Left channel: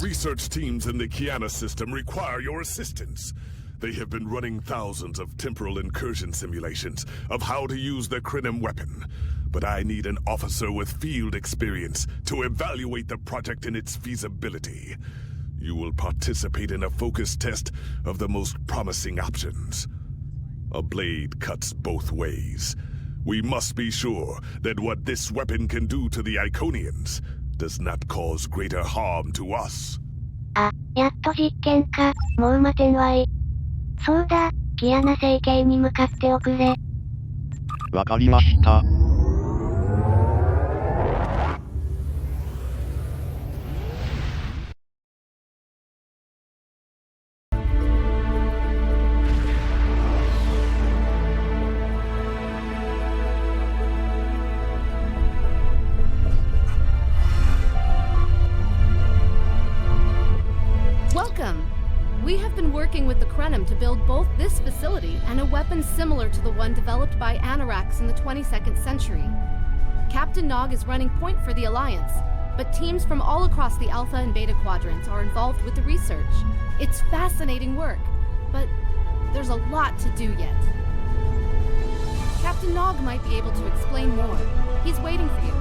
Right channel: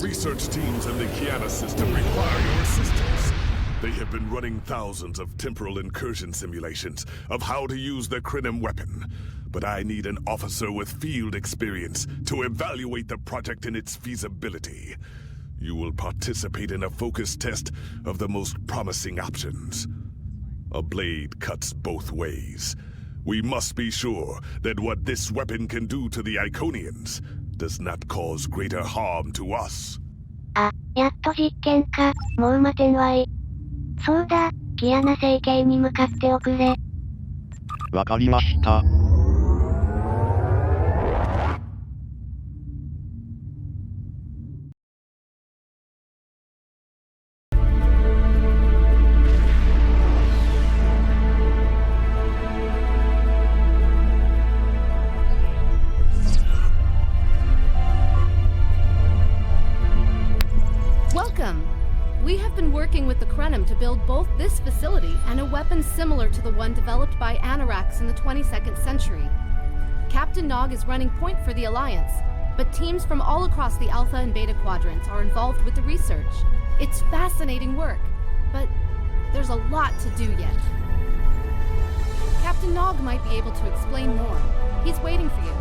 research teams in the Kiana system require your assistance. They have been running thousands of temporal incursion simulations of how to use the Krenim weapon. But I need an officer with field experience to evaluate the project and its feasibility. You will participate in a focus test of the most promising options. A blade cuts both ways. We must be sure that what this weapon can do to the Iconians does not cause greater harm to us. あ、やっと実験か。もう待てんわい。そうだ、キアナ星系に向かっておくれ。わかりました。Welcome! We have been working with the Krenim to build both this facility and a weapon similar to the one developed by Anarax in the 22nd century. Captain Nog is running point for the Alliance, but teams from all across the Alpha and Beta quadrants are involved with the research. It's fascinating work, but there's a lot to do yet. Captain Nog might be able to explain more. He's waiting for you.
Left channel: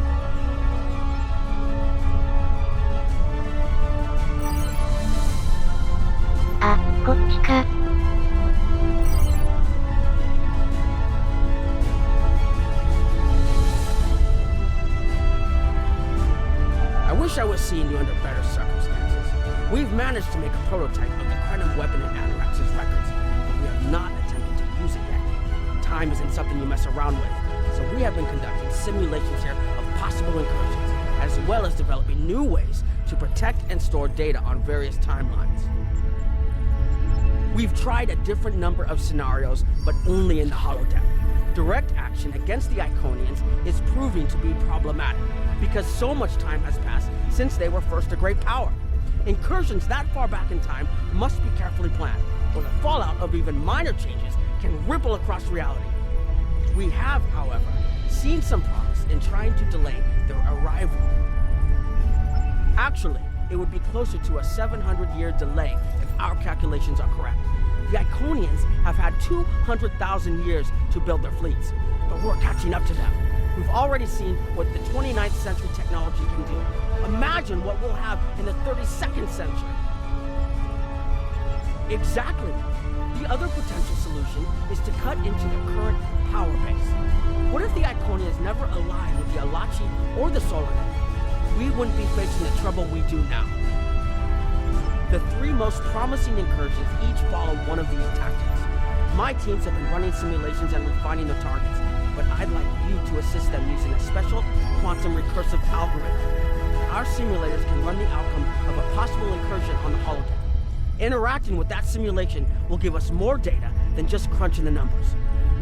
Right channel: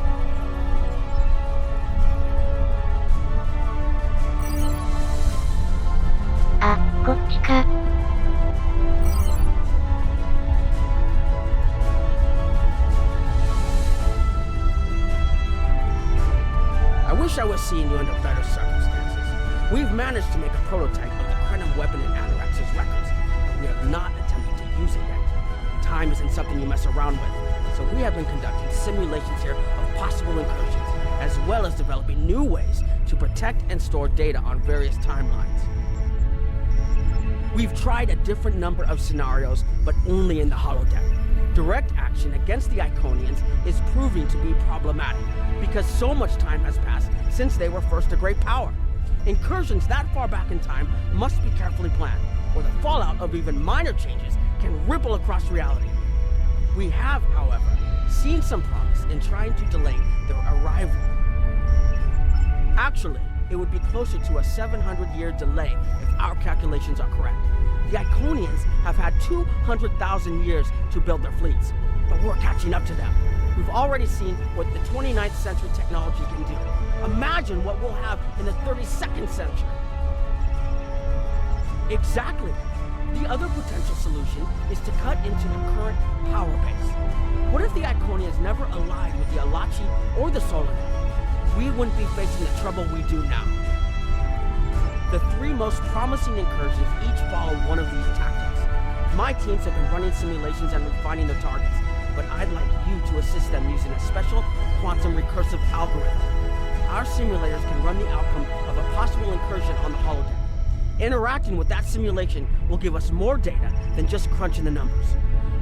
Ah, こっちか。I wish I was seeing you under better circumstances. We've managed to make a prototype of the Krenim weapon in Anarax's records, but we have not attempted to use it yet. Time isn't something you mess around with, so we have been conducting simulations here of possible incursions, as well as developing new ways to protect and store data on various timelines. We've tried a different number of scenarios, but only in the holodeck. Direct action against the Iconians is proving to be problematic, because so much time has passed since they were first a great power. Incursions that far back in time must be carefully planned, or the fallout of even minor changes can ripple across reality. We have, however, seen some promise in trying to delay their arrival. Actually, it would be closer to a 700-year delay if our calculations are correct. The Iconians have had 200,000 years to build their fleets, but we're catching up to them. We've already seen what the 29th century technology can do. Imagine what we'll have in the 32nd century. Exactly. The other potential solution is to cut into the current power base. What if the Iconians never allied with the Alachi or the Solanet? We wouldn't be facing the trouble we do now. The three most promising incursions each follow one of these tactics. My teams have been running simulations and refining their targets, but I'd like you to assist them using a special quantum recursive algorithm. Our simulators can run the outcome of a possible incursion on the holodeck. Interacting with that simulation will give us more data than just crunching the numbers.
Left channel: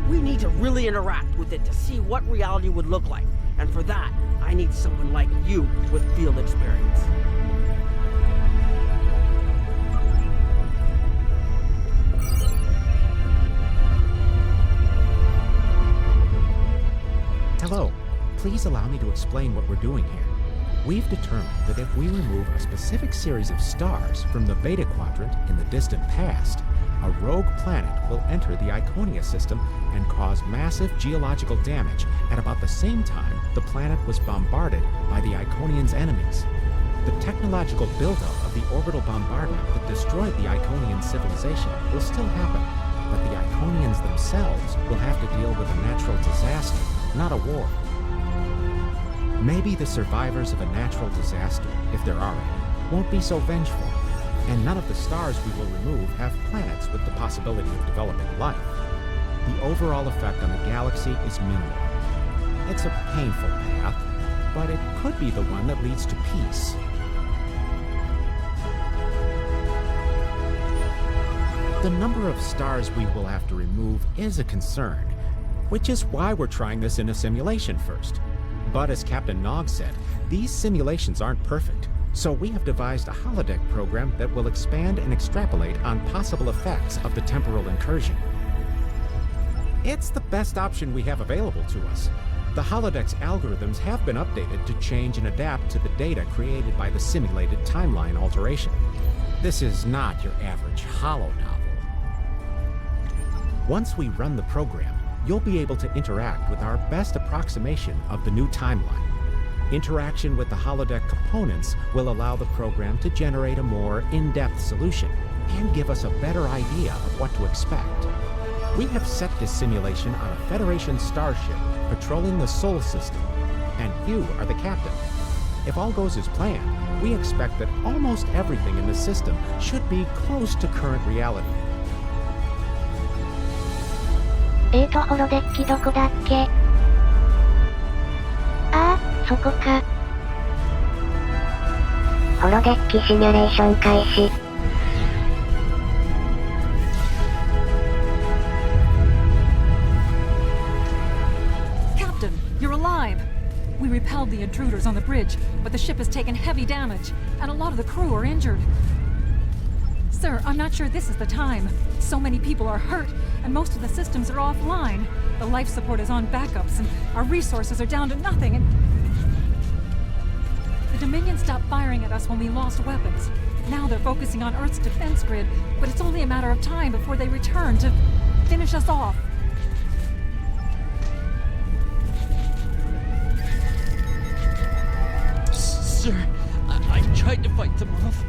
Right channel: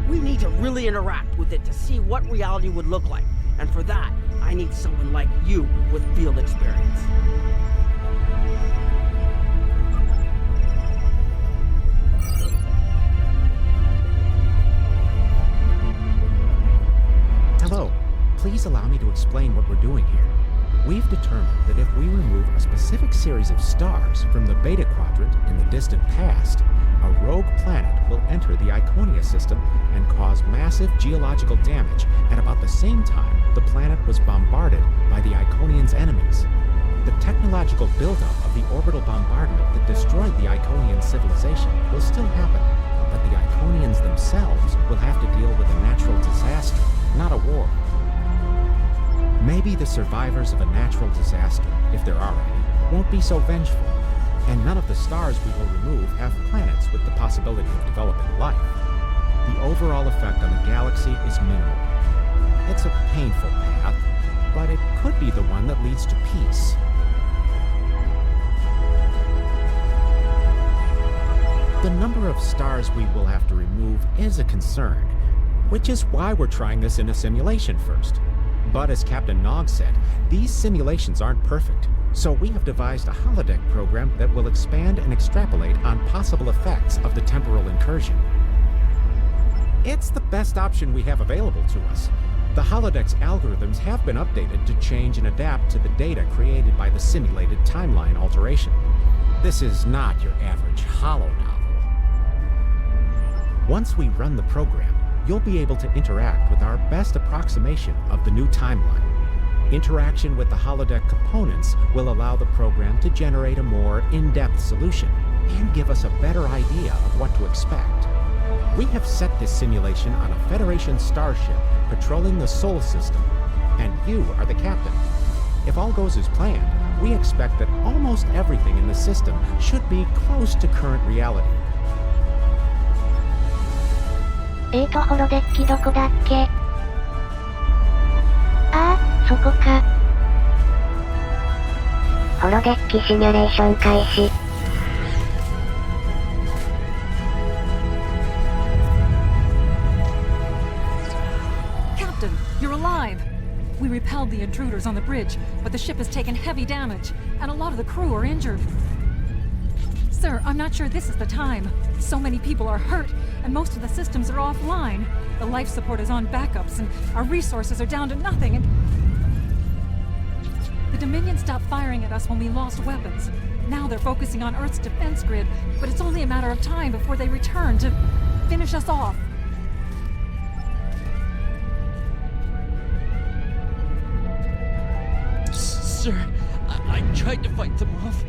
We need to really interact with it to see what reality would look like, and for that, I need someone like you with field experience. Hello. Please allow me to explain what we're doing here. We've determined that if we remove a specific series of stars from the Beta Quadrant in the distant past, a rogue planet will enter the Iconia system and cause massive geological damage at about the same time the planet was bombarded by the Iconians' enemies. The technological buildup of the orbital bombardment that destroyed the Iconian civilization will still happen, but the Iconians themselves will have to deal with a natural disaster, not a war. Maybe the survivors of a natural disaster, if there are any, won't be so vengeful, and none of the stars we will remove have planets with the possibility of developing life. The overall effect on the galaxy is minimal. It's a painful path, but it could be the one that leads to peace. The number of stars we will have to remove is a concern, which is why we're trying this in a simulation first. But as Captain Nog said, these simulations aren't perfect, so we have devised a holodeck program that will expand and extrapolate on possible effects of the temporal incursion. It's the best option we have available to us, The holodeck's algorithms have been updated to change and adapt to the data created by the simulated timeline alteration. This is not your average holo novel. Once we run the program, you'll be able to interact with our best approximation of the new timeline. Interaction with the holodeck components will allow the program to generate a more in-depth solution and give us a better idea of what to expect. We have set this simulation on a Federation starship patrolling the Sol system, and you are the captain. If all goes as planned, we expect that almost everything in the system should be close to current reality. ホロデッキどこだっけ？ああ、そこか。ホロデッキシミュレーション開始。Captain, you're alive! We repelled the intruders on the bridge, but the ship has taken heavy damage, and a lot of the crew are injured. Sir, I'm not sure this is the time. So many people are hurt, and most of the systems are offline. The life support is on backups, and our resources are down to nothing, and... The Dominion stopped firing at us when we lost weapons. Now they're focusing on Earth's defense grid, but it's only a matter of time before they return to finish us off. Sir, I tried to fight them off.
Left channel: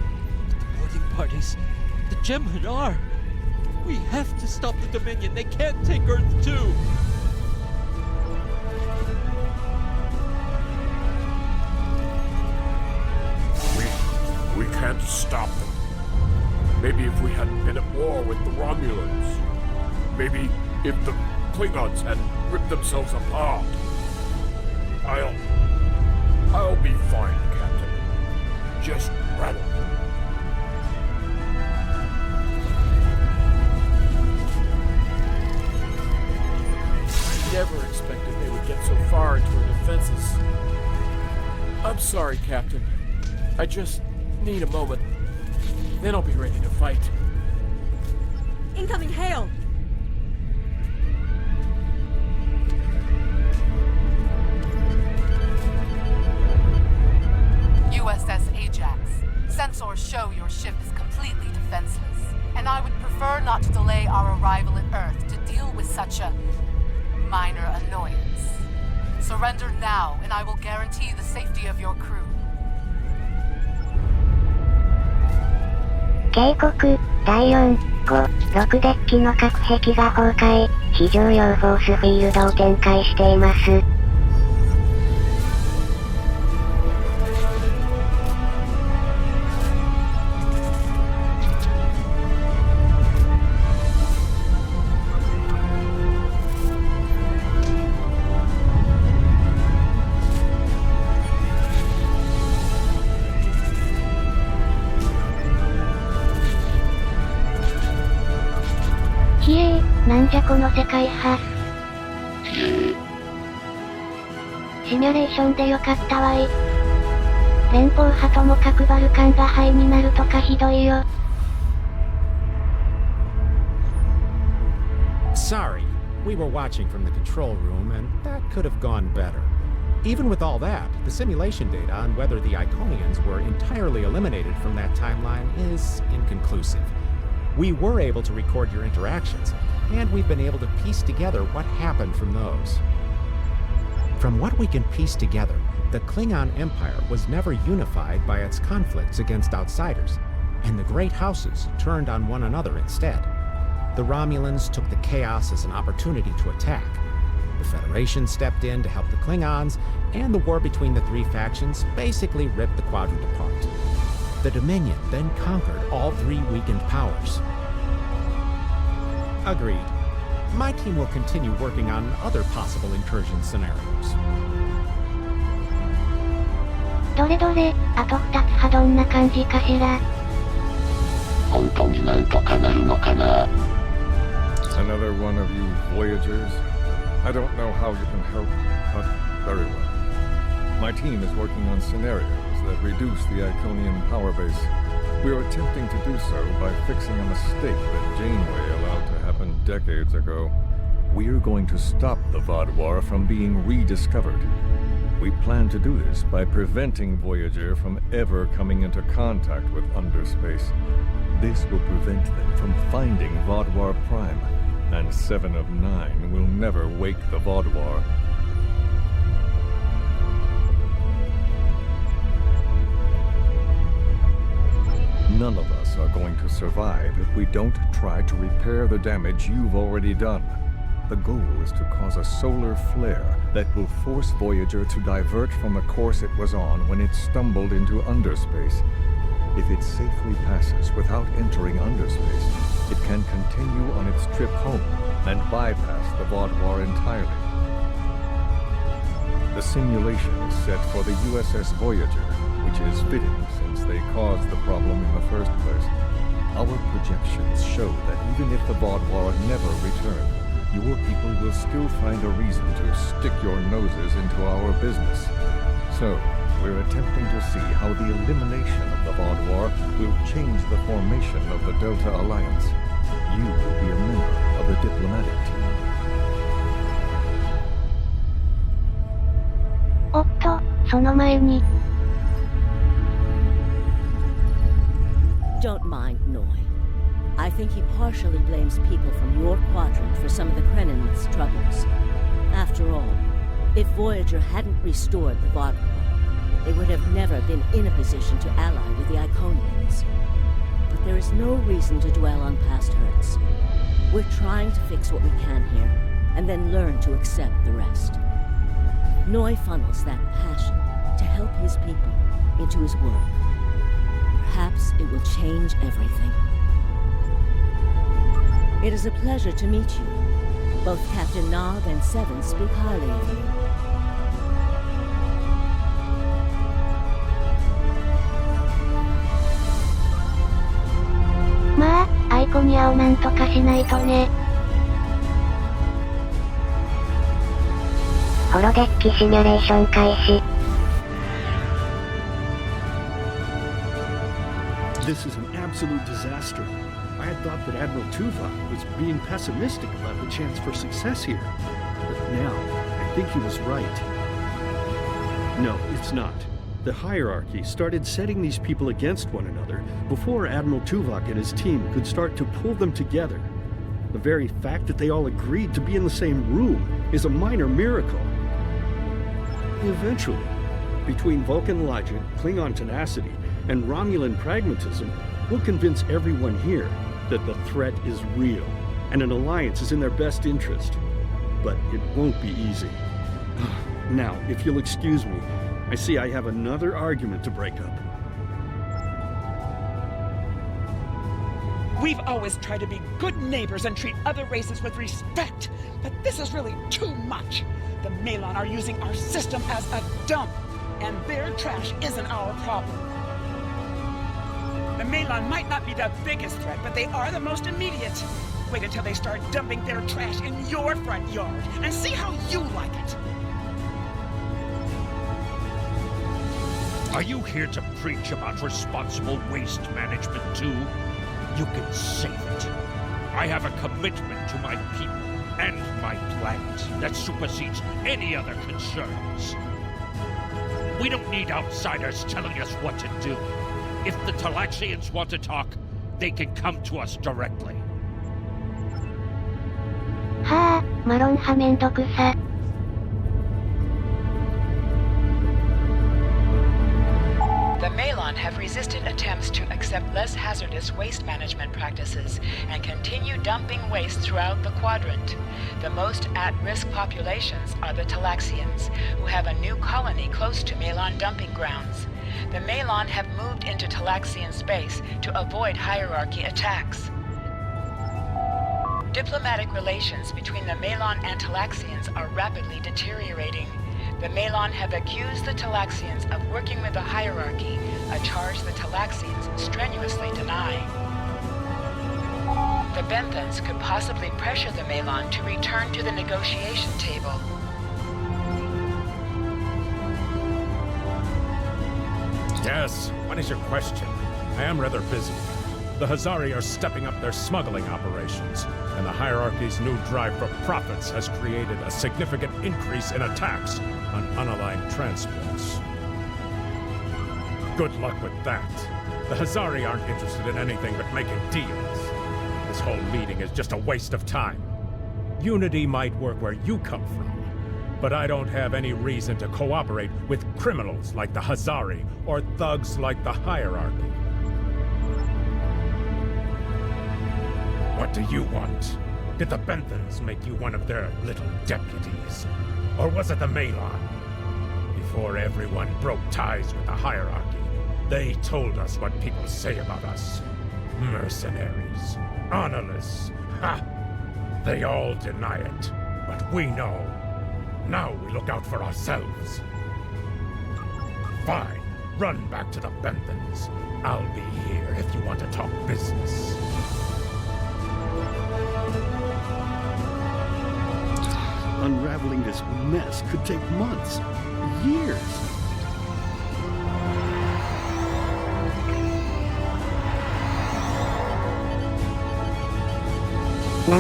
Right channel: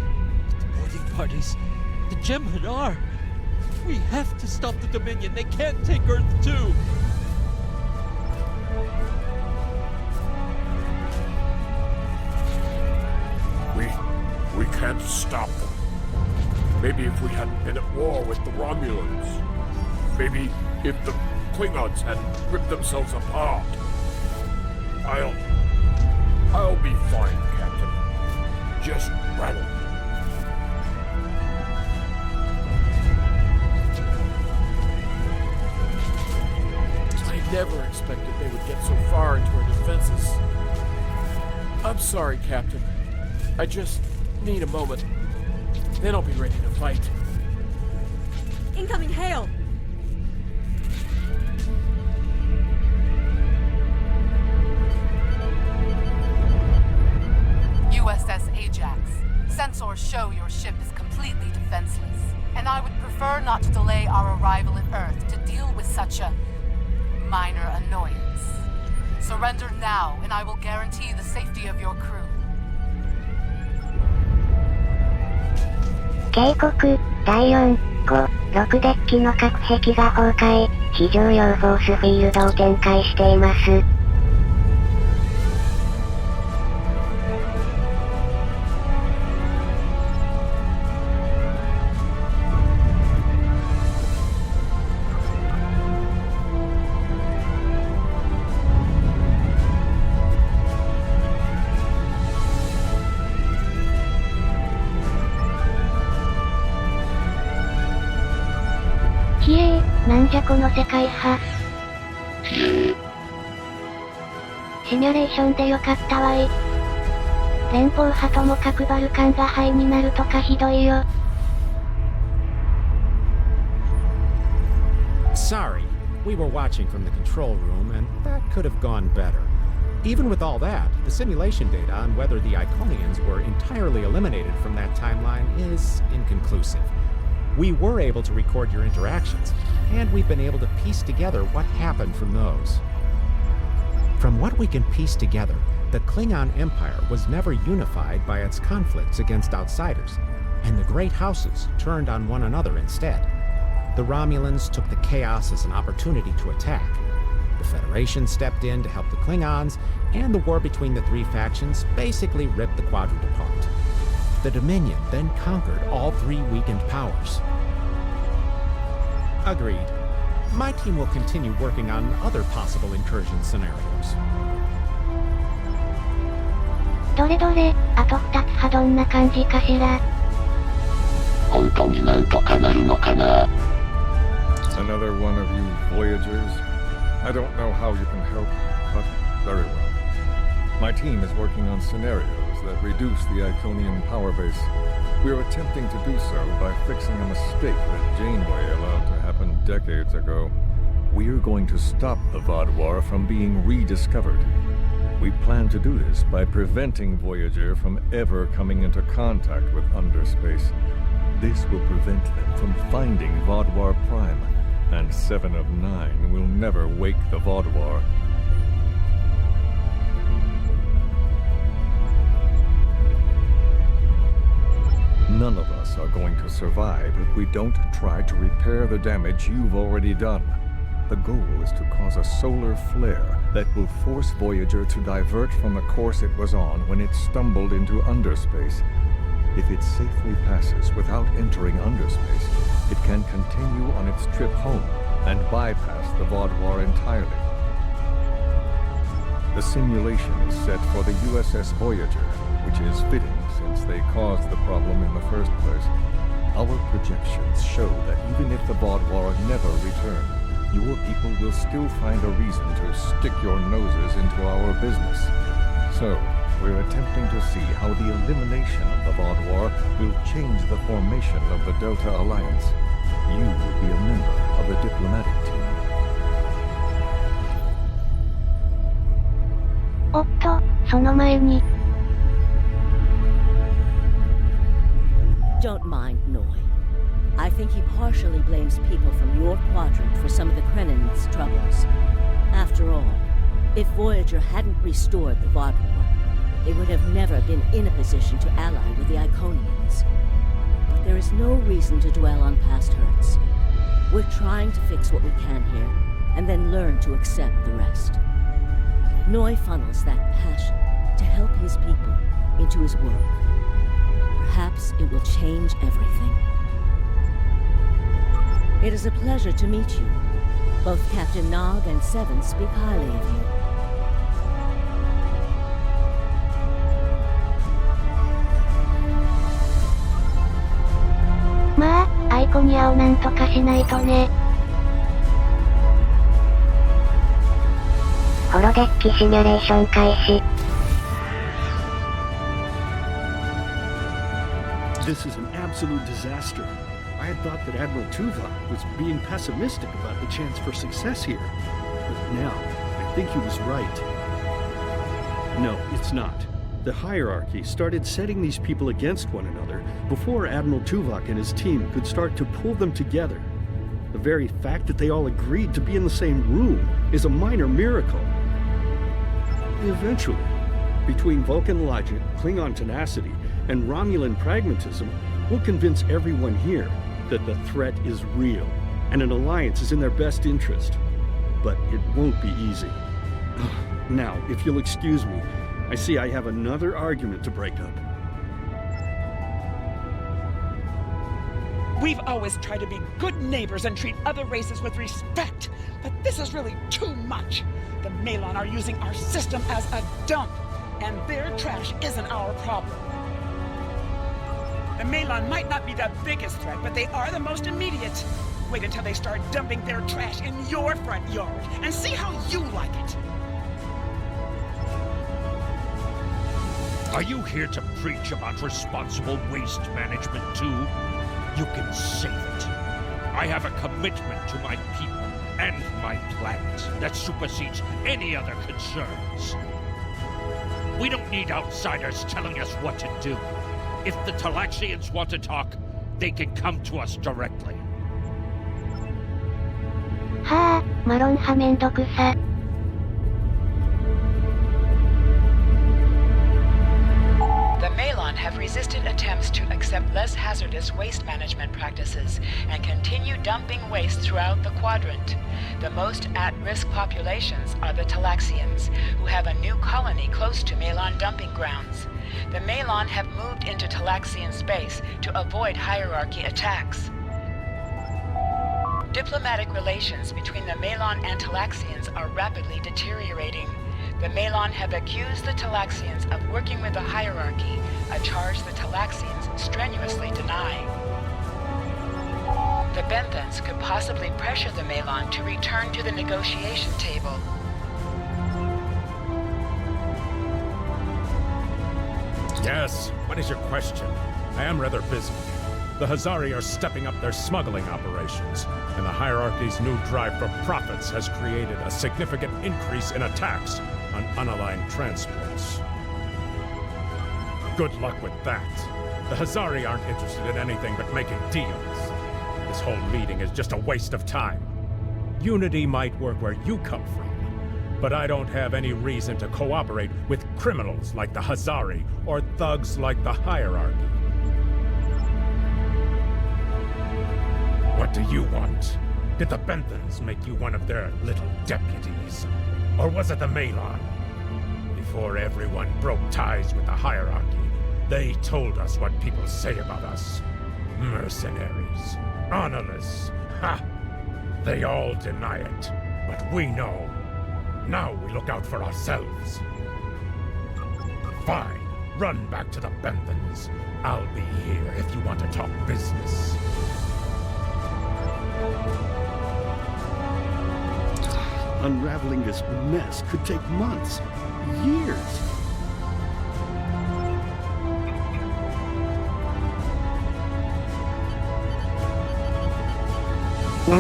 The boarding parties, the Jem'Hadar. We have to stop the Dominion. They can't take Earth too. We can't stop them. Maybe if we hadn't been at war with the Romulans. Maybe if the Klingons hadn't ripped themselves apart. I'll be fine, Captain. Just rattle. I never expected they would get so far into our defenses. I'm sorry, Captain. I just need a moment. Then I'll be ready to fight. Incoming hail! USS Ajax. Sensors show your ship is completely defenseless, and I would prefer not to delay our arrival at Earth to deal with such a minor annoyance. Surrender now, and I will guarantee the safety of your crew. 警告、第4、5、6デッキの隔壁が崩壊、非常用フォースフィールドを展開しています。ひえー、なんじゃこの世界派。シミュレーションでよかったわい。連邦派とも核バルカンが灰になるとかひどいよ。Sorry, we were watching from the control room, and that could have gone better. Even with all that, the simulation data on whether the Iconians were entirely eliminated from that timeline is inconclusive. We were able to record your interactions, and we've been able to piece together what happened from those. From what we can piece together, the Klingon Empire was never unified by its conflicts against outsiders, and the Great Houses turned on one another instead. The Romulans took the chaos as an opportunity to attack. The Federation stepped in to help the Klingons, and the war between the three factions basically ripped the quadrant apart. The Dominion then conquered all three weakened powers. Agreed. My team will continue working on other possible incursion scenarios. どれどれ、あと2つはどんな感じかしら。本当になんとかなるのかな。Another one of you Voyagers? I don't know how you can help, but very well. My team is working on scenarios that reduce the Iconian power base. We are attempting to do so by fixing a mistake that Janeway allowed to happen decades ago. we're going to stop the Vaadwaur from being rediscovered. We plan to do this by preventing Voyager from ever coming into contact with underspace. This will prevent them from finding Vaadwaur Prime, and 7 of 9 will never wake the Vaadwaur. None of us are going to survive if we don't try to repair the damage you've already done. The goal is to cause a solar flare that will force Voyager to divert from the course it was on when it stumbled into underspace. If it safely passes without entering underspace, it can continue on its trip home and bypass the Vaadwaur entirely. The simulation is set for the USS Voyager, which is fitting since they caused the problem in the first place. Our projections show that even if the Vaadwaur never return, your people will still find a reason to stick your noses into our business. So, we're attempting to see how the elimination of the Vaadwaur will change the formation of the Delta Alliance. You will be a member of the diplomatic team. おっと、その前に。Don't mind Noi. I think he partially blames people from your quadrant for some of the Krennin's troubles. After all, if Voyager hadn't restored the Vaadwaur, they would have never been in a position to ally with the Iconians. But there is no reason to dwell on past hurts. We're trying to fix what we can here, and then learn to accept the rest. Noi funnels that passion to help his people into his work. Perhaps it will change everything. It is a pleasure to meet you. Both Captain Nog and Seven speak highly of you. Ma, アイコニアをなんとかしないとね。ホロデッキシミュレーション開始。This is an absolute disaster. I had thought that Admiral Tuvok was being pessimistic about the chance for success here. But now, I think he was right. No, it's not. The hierarchy started setting these people against one another before Admiral Tuvok and his team could start to pull them together. The very fact that they all agreed to be in the same room is a minor miracle. Eventually, between Vulcan logic, Klingon tenacity, and Romulan pragmatism, we'll convince everyone here that the threat is real, and an alliance is in their best interest. But it won't be easy. Now, if you'll excuse me, I see I have another argument to break up. We've always tried to be good neighbors and treat other races with respect, but this is really too much. The Malon are using our system as a dump, and their trash isn't our problem. The Malon might not be the biggest threat, but they are the most immediate. Wait until they start dumping their trash in your front yard, and see how you like it. Are you here to preach about responsible waste management too? You can save it. I have a commitment to my people and my planet that supersedes any other concerns. We don't need outsiders telling us what to do. If the Talaxians want to talk, they can come to us directly. はあ、マロン派めんどくさ。The Malon have resisted attempts to accept less hazardous waste management practices and continue dumping waste throughout the quadrant. The most at-risk populations are the Talaxians, who have a new colony close to Malon dumping grounds. The Malon have moved into Talaxian space to avoid hierarchy attacks. Diplomatic relations between the Malon and Talaxians are rapidly deteriorating. The Malon have accused the Talaxians of working with the hierarchy, a charge the Talaxians strenuously deny. The Benthans could possibly pressure the Malon to return to the negotiation table. Yes, what is your question? I am rather busy. The Hazari are stepping up their smuggling operations, and the hierarchy's new drive for profits has created a significant increase in attacks on unaligned transports. Good luck with that. The Hazari aren't interested in anything but making deals. This whole meeting is just a waste of time. Unity might work where you come from, but I don't have any reason to cooperate with criminals like the Hazari or thugs like the hierarchy. What do you want? Did the Benthans make you one of their little deputies? Or was it the Malon? Before everyone broke ties with the hierarchy, they told us what people say about us. Mercenaries. Honorless. Ha! They all deny it, but we know. Now we look out for ourselves. Fine. Run back to the Benthans. I'll be here if you want to talk business. Unraveling this mess could take months, years. The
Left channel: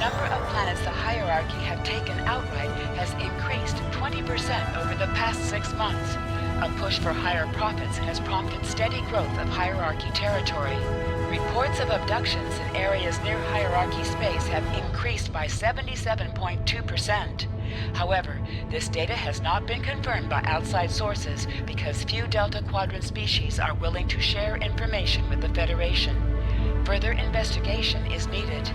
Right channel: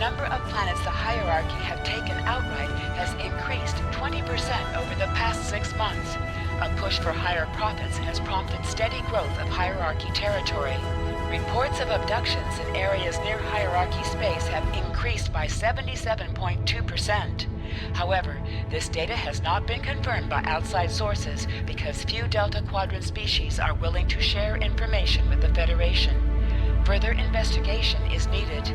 number of planets the hierarchy have taken outright has increased 20% over the past 6 months. A push for higher profits has prompted steady growth of hierarchy territory. Reports of abductions in areas near hierarchy space have increased by 77.2%. However, this data has not been confirmed by outside sources because few Delta Quadrant species are willing to share information with the Federation. Further investigation is needed.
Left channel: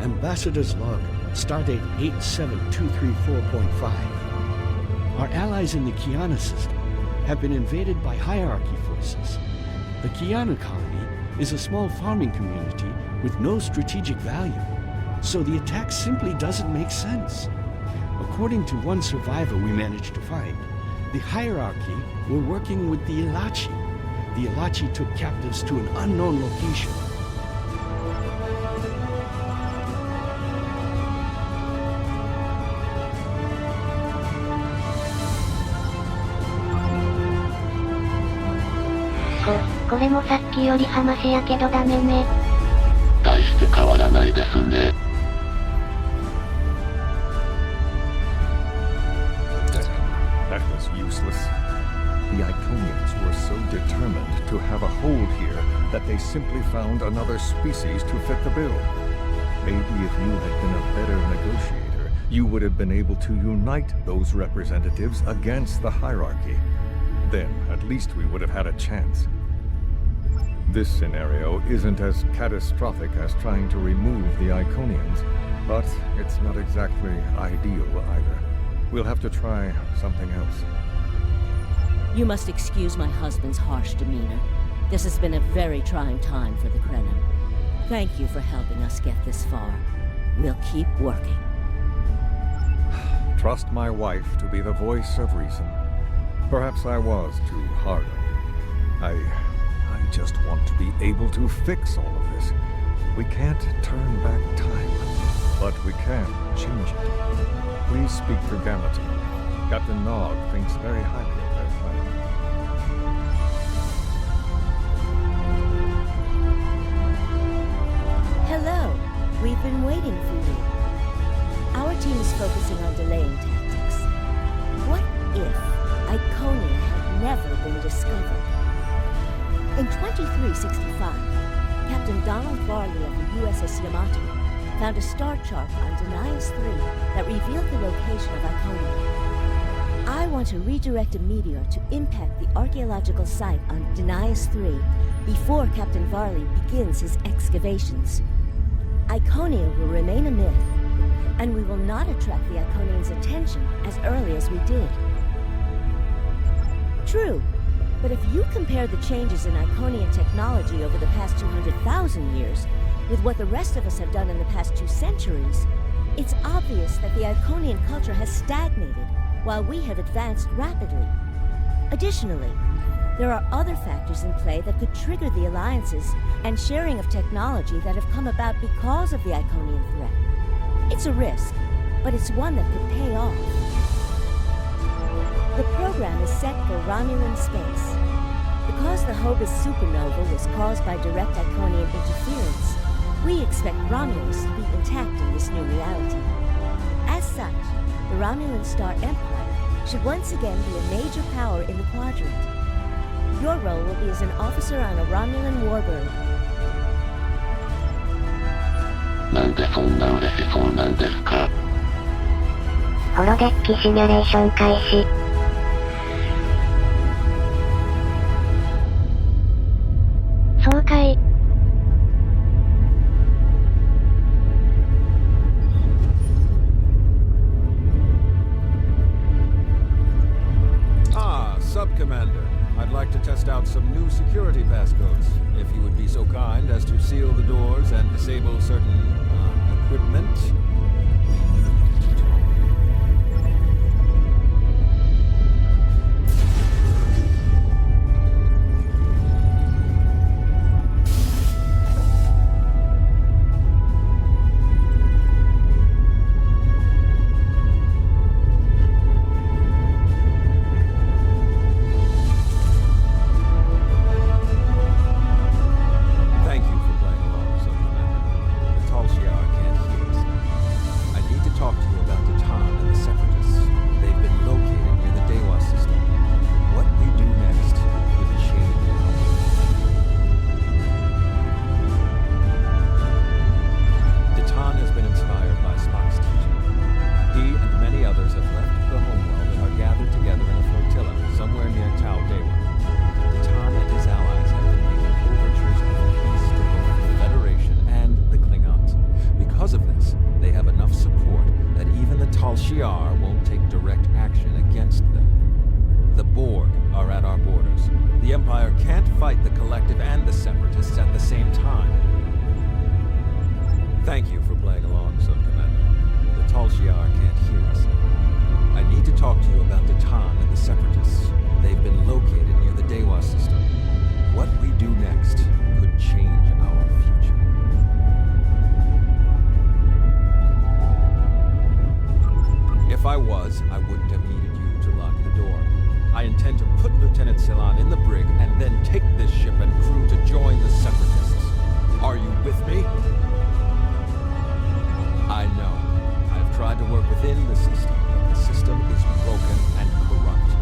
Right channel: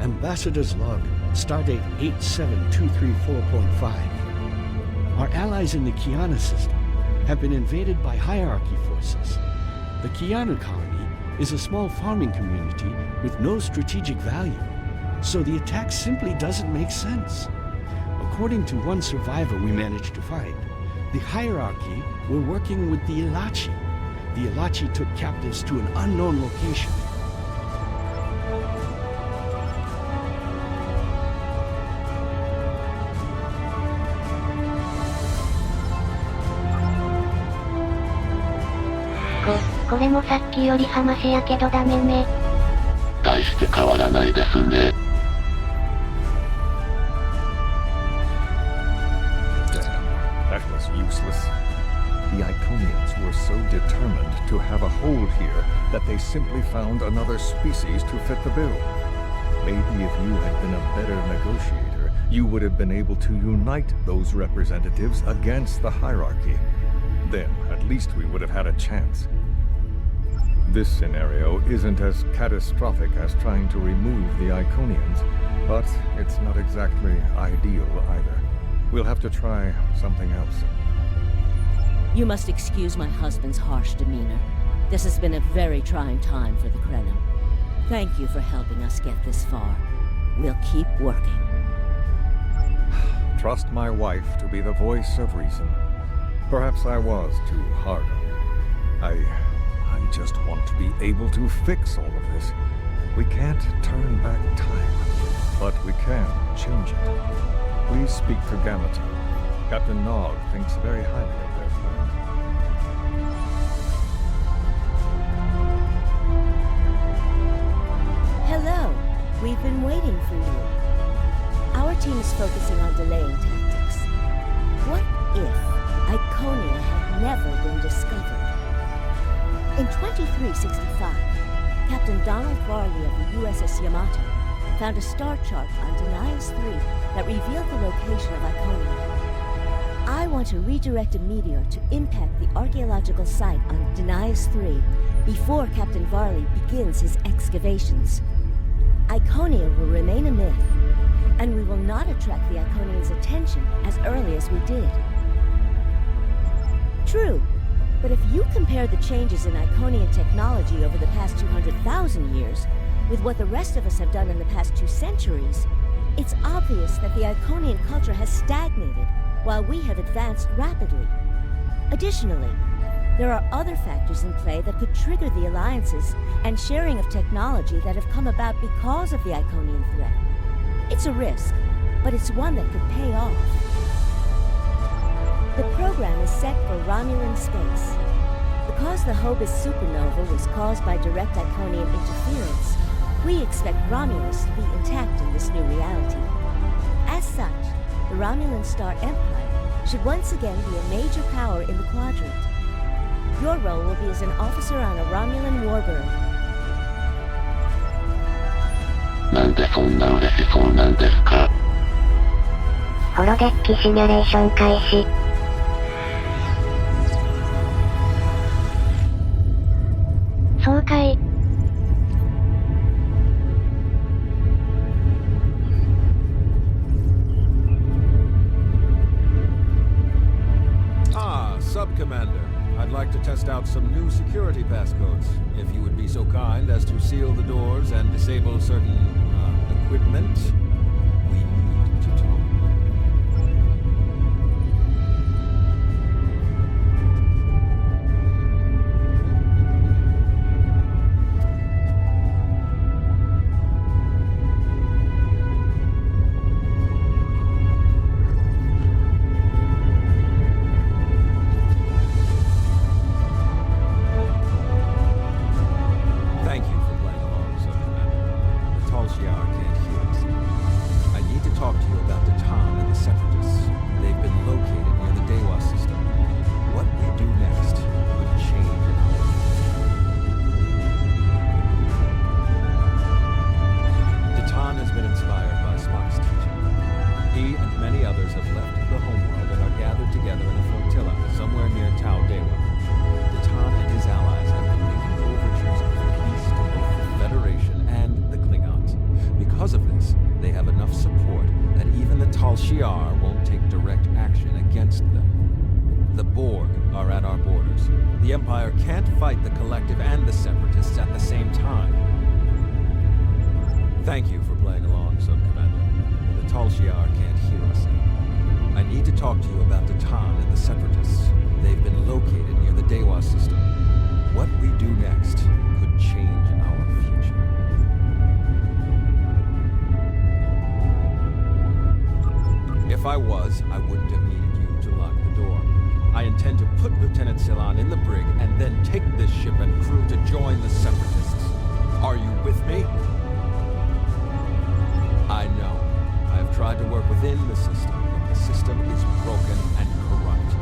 Ambassador's log, stardate 87234.5. Our allies in the Kiana system have been invaded by hierarchy forces. The Kiana colony is a small farming community with no strategic value, so the attack simply doesn't make sense. According to one survivor we managed to find, the hierarchy were working with the Ilachi. The Ilachi took captives to an unknown location.これもさっきより話やけどダメね。大して変わらないですね。Damn, that was useless. The Iconians were so determined to have a hold here that they simply found another species to fit the bill. Maybe if you had been a better negotiator, you would have been able to unite those representatives against the hierarchy. Then, at least we would have had a chance. This scenario isn't as catastrophic as trying to remove the Iconians, but it's not exactly ideal either. We'll have to try something else. You must excuse my husband's harsh demeanor. This has been a very trying time for the Krenim. Thank you for helping us get this far. We'll keep working. Trust my wife to be the voice of reason. Perhaps I was too hard on you. I just want to be able to fix all of this. We can't turn back time, but we can change it. Please speak to Gamma Team. Captain Nog thinks very highly of their plan. Hello. We've been waiting for you. Our team is focusing on delaying tactics. What if Iconia had never been discovered? In 2365, Captain Donald Varley of the USS Yamato found a star chart on Denias 3 that revealed the location of Iconia. I want to redirect a meteor to impact the archaeological site on Denias 3 before Captain Varley begins his excavations. Iconia will remain a myth, and we will not attract the Iconians' attention as early as we did. True. But if you compare the changes in Iconian technology over the past 200,000 years with what the rest of us have done in the past 2 centuries, it's obvious that the Iconian culture has stagnated while we have advanced rapidly. Additionally, there are other factors in play that could trigger the alliances and sharing of technology that have come about because of the Iconian threat. It's a risk, but it's one that could pay off. The program is set for Romulan space. Because the Hobus supernova was caused by direct Iconian interference, we expect Romulus to be intact in this new reality. As such, the Romulan Star Empire should once again be a major power in the quadrant. Your role will be as an officer on a Romulan warbird. なんでそんな嬉しそうなんですか？ホロデッキシミュレーション開始。そうかい。Sub-Commander, I'd like to test out some new security passcodes. If you would be so kind as to seal the doors and disable certain, equipment, we need to talk. Thank you for playing along, Sub-Commander. The Talshiar can't hear us now. I need to talk to you about the Tan and the Separatists. They've been located near the Dewa system. What we do next could change our future. Titan has been inspired by Spock's teaching. He and many others have left the homeworld and are gathered together in a flotilla somewhere near Tau Dewa. Titan and his allies have been making overtures of peace to both the Federation and the Klingons. Because of this, they have enough support that even the Tal Shiar won't take direct action against them. The Borg are at our borders. The Empire can't fight the Collective and the Separatists at the same time. Thank you for playing along, Sub-Commander. The Tal Shiar can't hear us now. I need to talk to you about the Tan and the Separatists. They've been located near the Dewa system. What we do next could change our future. If I was, I wouldn't have needed you to lock the door. I intend to put Lieutenant Ceylon in the brig and then take this ship and crew to join the Separatists. Are you with me? I know. I have tried to work within the system, but the system is broken and corrupt.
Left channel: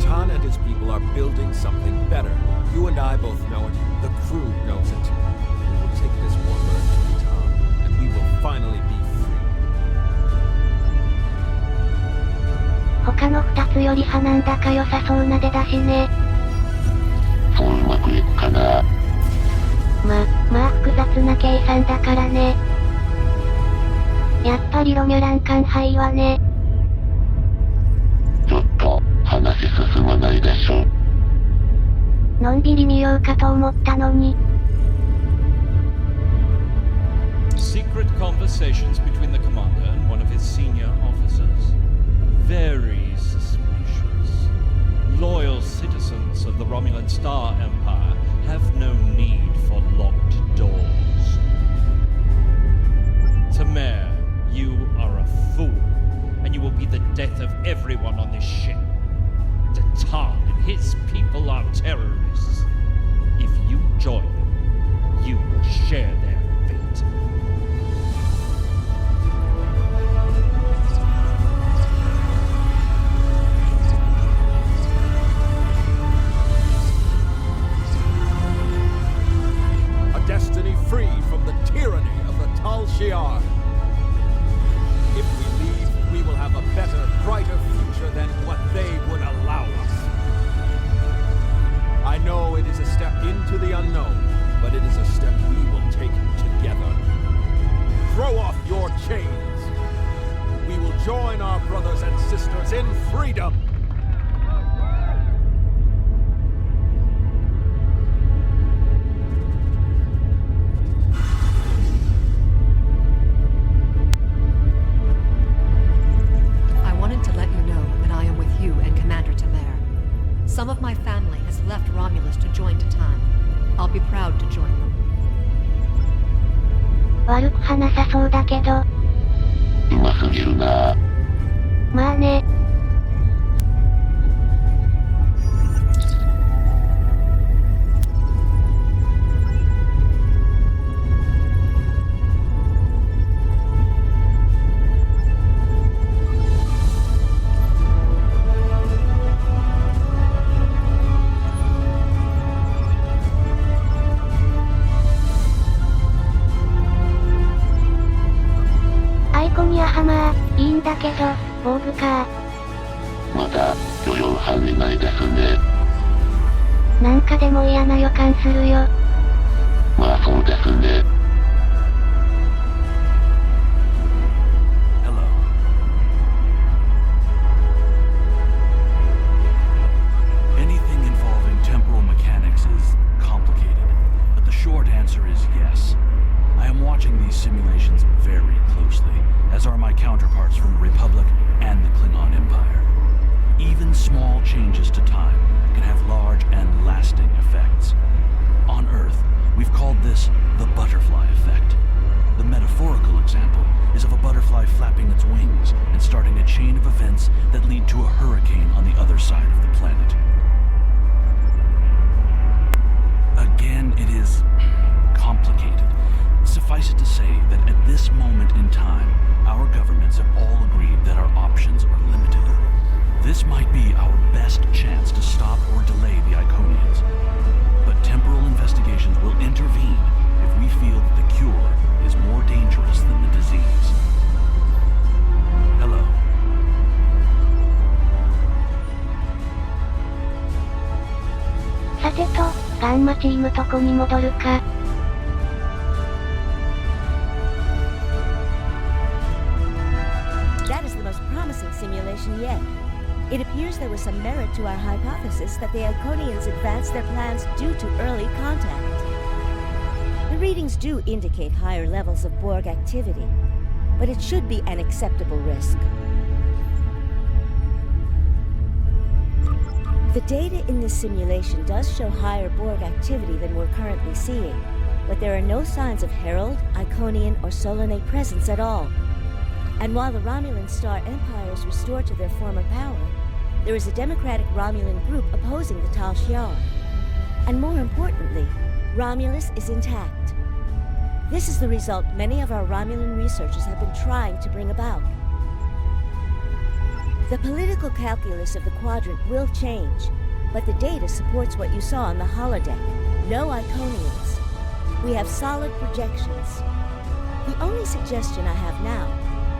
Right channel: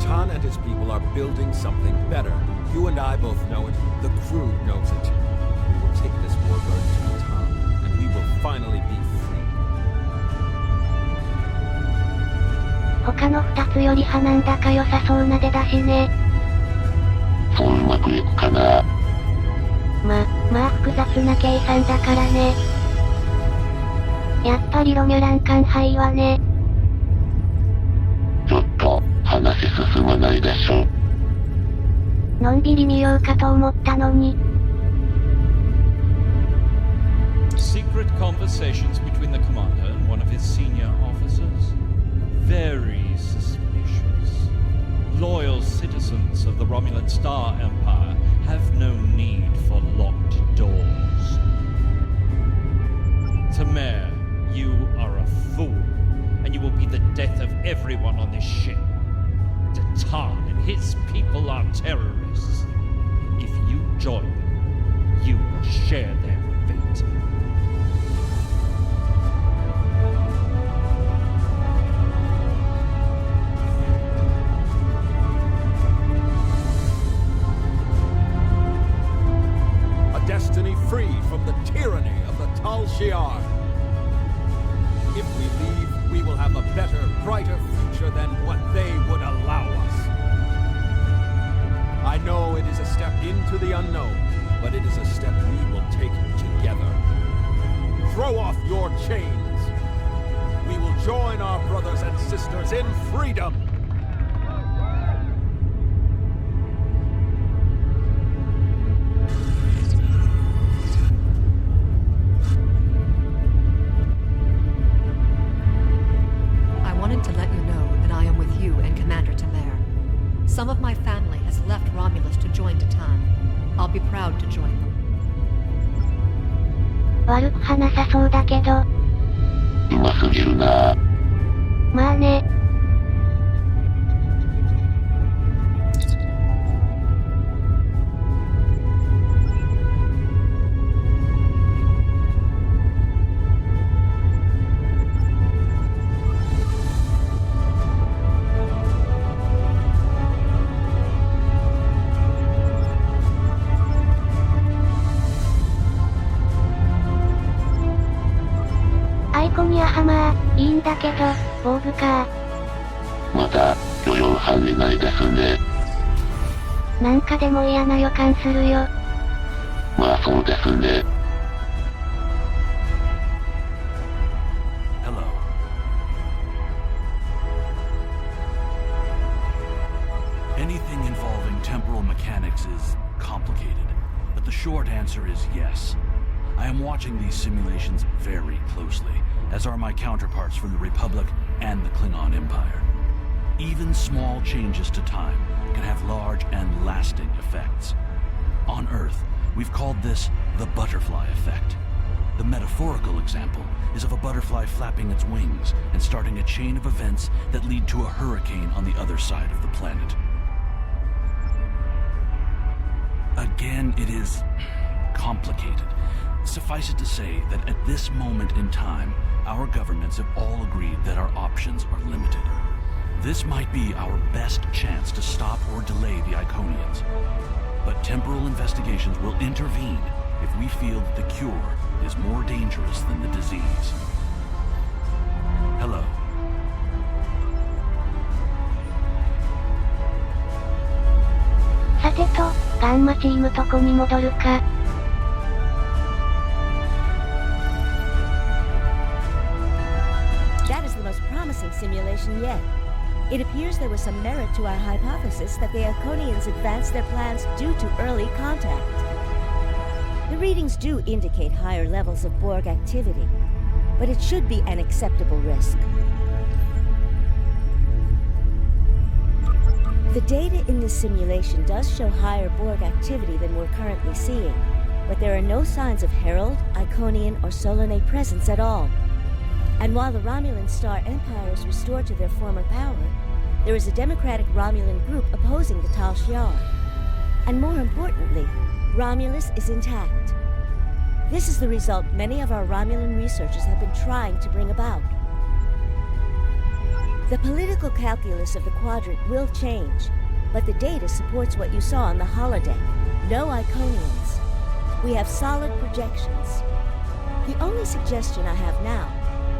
Titan and his people are building something better. You and I both know it. The crew knows it. We will take this warbird to Titan, and we will finally be free. 他の2つより派なんだか良さそうな出だしね。そううまくいくかな。まあ複雑な計算だからね。やっぱりロミュラン艦隊はね。ちょっと話進まないでしょ。のんびり見ようかと思ったのに。Secret conversations between the commander and one of his senior officers? Very suspicious. Loyal citizens of the Romulan Star Empire have no need for locked doors. Tamer, you are a fool, and you will be the death of everyone on this ship. Titan and his people are terrorists. If you join them, you will share their fate. A destiny free from the tyranny of the Tal Shiar. If we leave, we will have a better, brighter future than what they would allow us. I know it is a step into the unknown, but it is a step we will take together. Throw off your chains. We will join our brothers and sisters in freedom. Some of my family has left Romulus to join Titan. I'll be proud to join them. 悪く話さそうだけど。うますぎるな。まあね。こにアハマー、いいんだけど、防具か。まだ、許容範囲内ですね。なんかでも嫌な予感するよ。まあそうですね。Hello. Anything involving temporal mechanics is complicated, but the short answer is yes. I am watching these simulations very closely, as are my counterparts from the Republic and the Klingon Empire. Even small changes to time can have large and lasting effects. On Earth, we've called this the butterfly effect. The metaphorical example is of a butterfly flapping its wings and starting a chain of events that lead to a hurricane on the other side of the planet. Again, it is complicated. Suffice it to say that at this moment in time, our governments have all agreed that our options are limited. This might be our best chance to stop or delay the Iconians. But temporal investigations will intervene if we feel that the cure is more dangerous than the disease. Hello. さてと、ガンマチームとこに戻るか。That is the most promising simulation yet. It appears there was some merit to our hypothesis that the Iconians advanced their plans due to early contact. The readings do indicate higher levels of Borg activity, but it should be an acceptable risk. The data in this simulation does show higher Borg activity than we're currently seeing, but there are no signs of Herald, Iconian, or Solanae presence at all. And while the Romulan Star Empire is restored to their former power, there is a democratic Romulan group opposing the Tal Shiar. And more importantly, Romulus is intact. This is the result many of our Romulan researchers have been trying to bring about. The political calculus of the quadrant will change, but the data supports what you saw on the holodeck. No Iconians. We have solid projections. The only suggestion I have now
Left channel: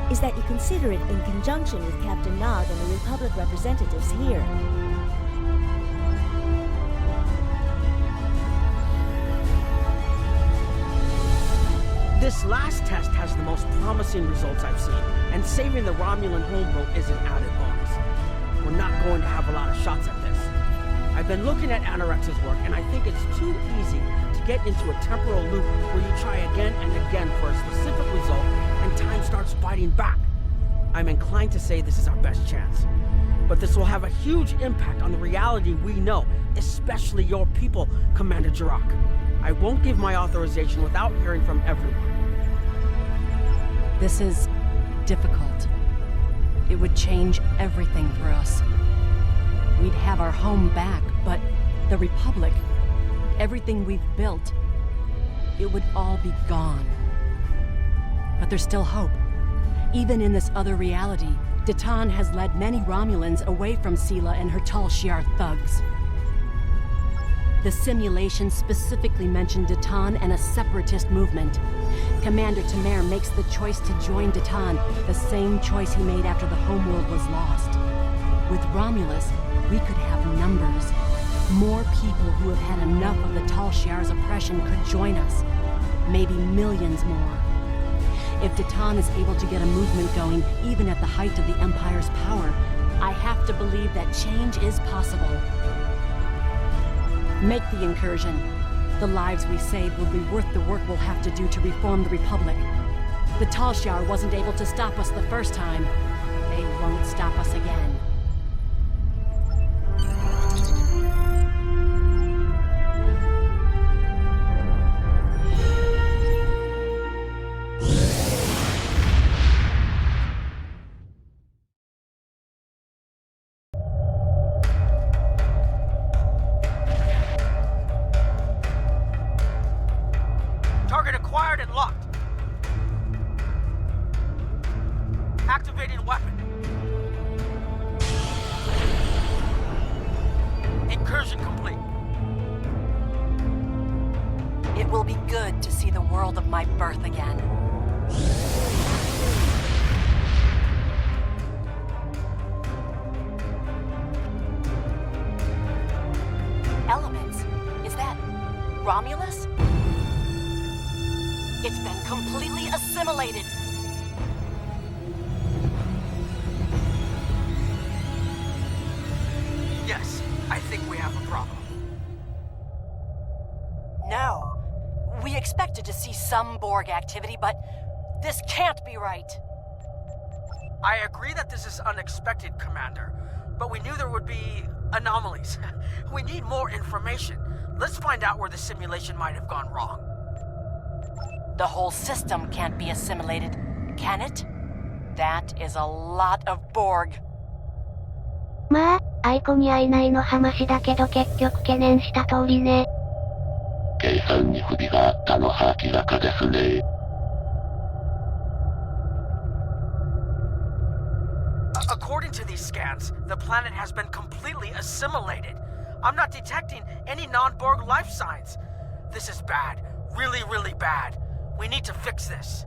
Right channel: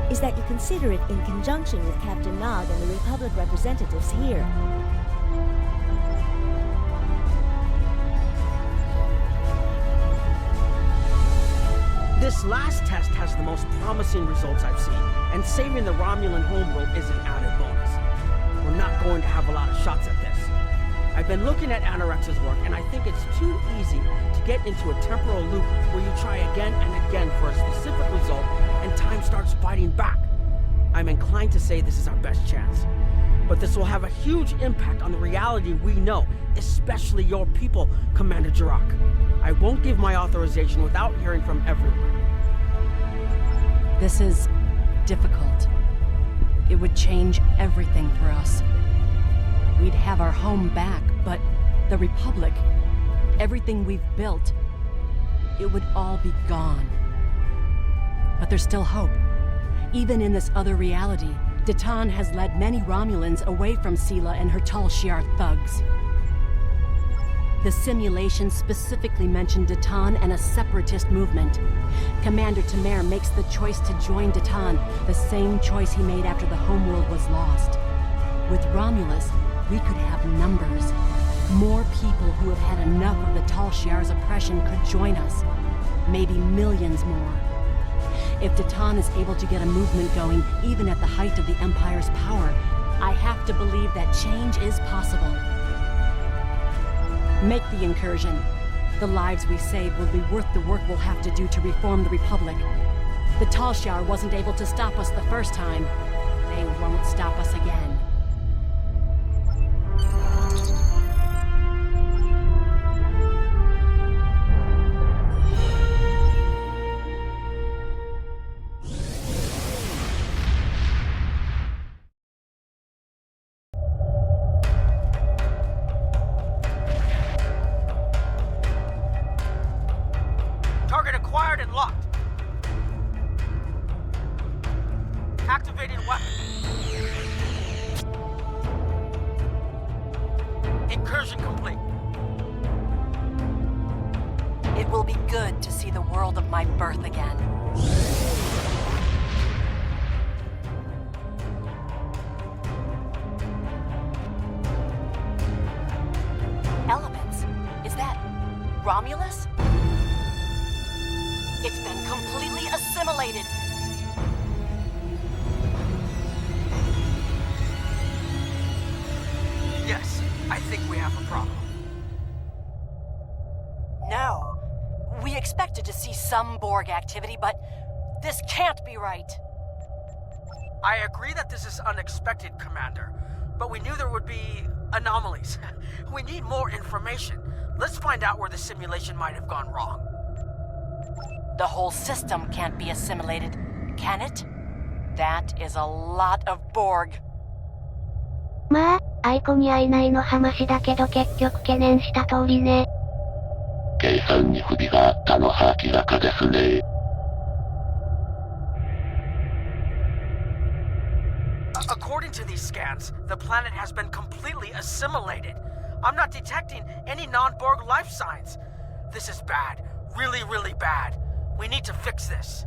is that you consider it in conjunction with Captain Nog and the Republic representatives here. This last test has the most promising results I've seen, and saving the Romulan homeworld is an added bonus. We're not going to have a lot of shots at this. I've been looking at Anorex's work, and I think it's too easy to get into a temporal loop where you try again and again for a specific result, and time starts fighting back. I'm inclined to say this is our best chance. But this will have a huge impact on the reality we know, especially your people, Commander Jirok. I won't give my authorization without hearing from everyone. This is difficult. It would change everything for us. We'd have our home back, but the Republic, everything we've built, it would all be gone. But there's still hope. Even in this other reality, Datan has led many Romulans away from Sela and her Tal Shiar thugs. The simulation specifically mentioned Datan and a separatist movement. Commander Tamer makes the choice to join Datan, the same choice he made after the homeworld was lost. With Romulus, we could have numbers. More people who have had enough of the Tal Shiar's oppression could join us. Maybe millions more. If Datan is able to get a movement going, even at the height of the Empire's power, I have to believe that change is possible. Make the incursion. The lives we save will be worth the work we'll have to do to reform the Republic. The Tal Shiar wasn't able to stop us the first time. They won't stop us again. Target acquired and locked. Activating weapon. Incursion complete. It will be good to see the world of my birth again. Romulus? It's been completely assimilated. Yes, I think we have a problem. No. We expected to see some Borg activity, but this can't be right. I agree that this is unexpected, Commander, but we knew there would be anomalies. We need more information. Let's find out where the simulation might have gone wrong. The whole system can't be assimilated, can it? That is a lot of Borg. まあ、アイコに会えないの話だけど結局懸念した通りね。計算に不備があったのは明らかですね。According to these scans, the planet has been completely assimilated. I'm not detecting any non-Borg life signs. This is bad. Really, really bad. We need to fix this.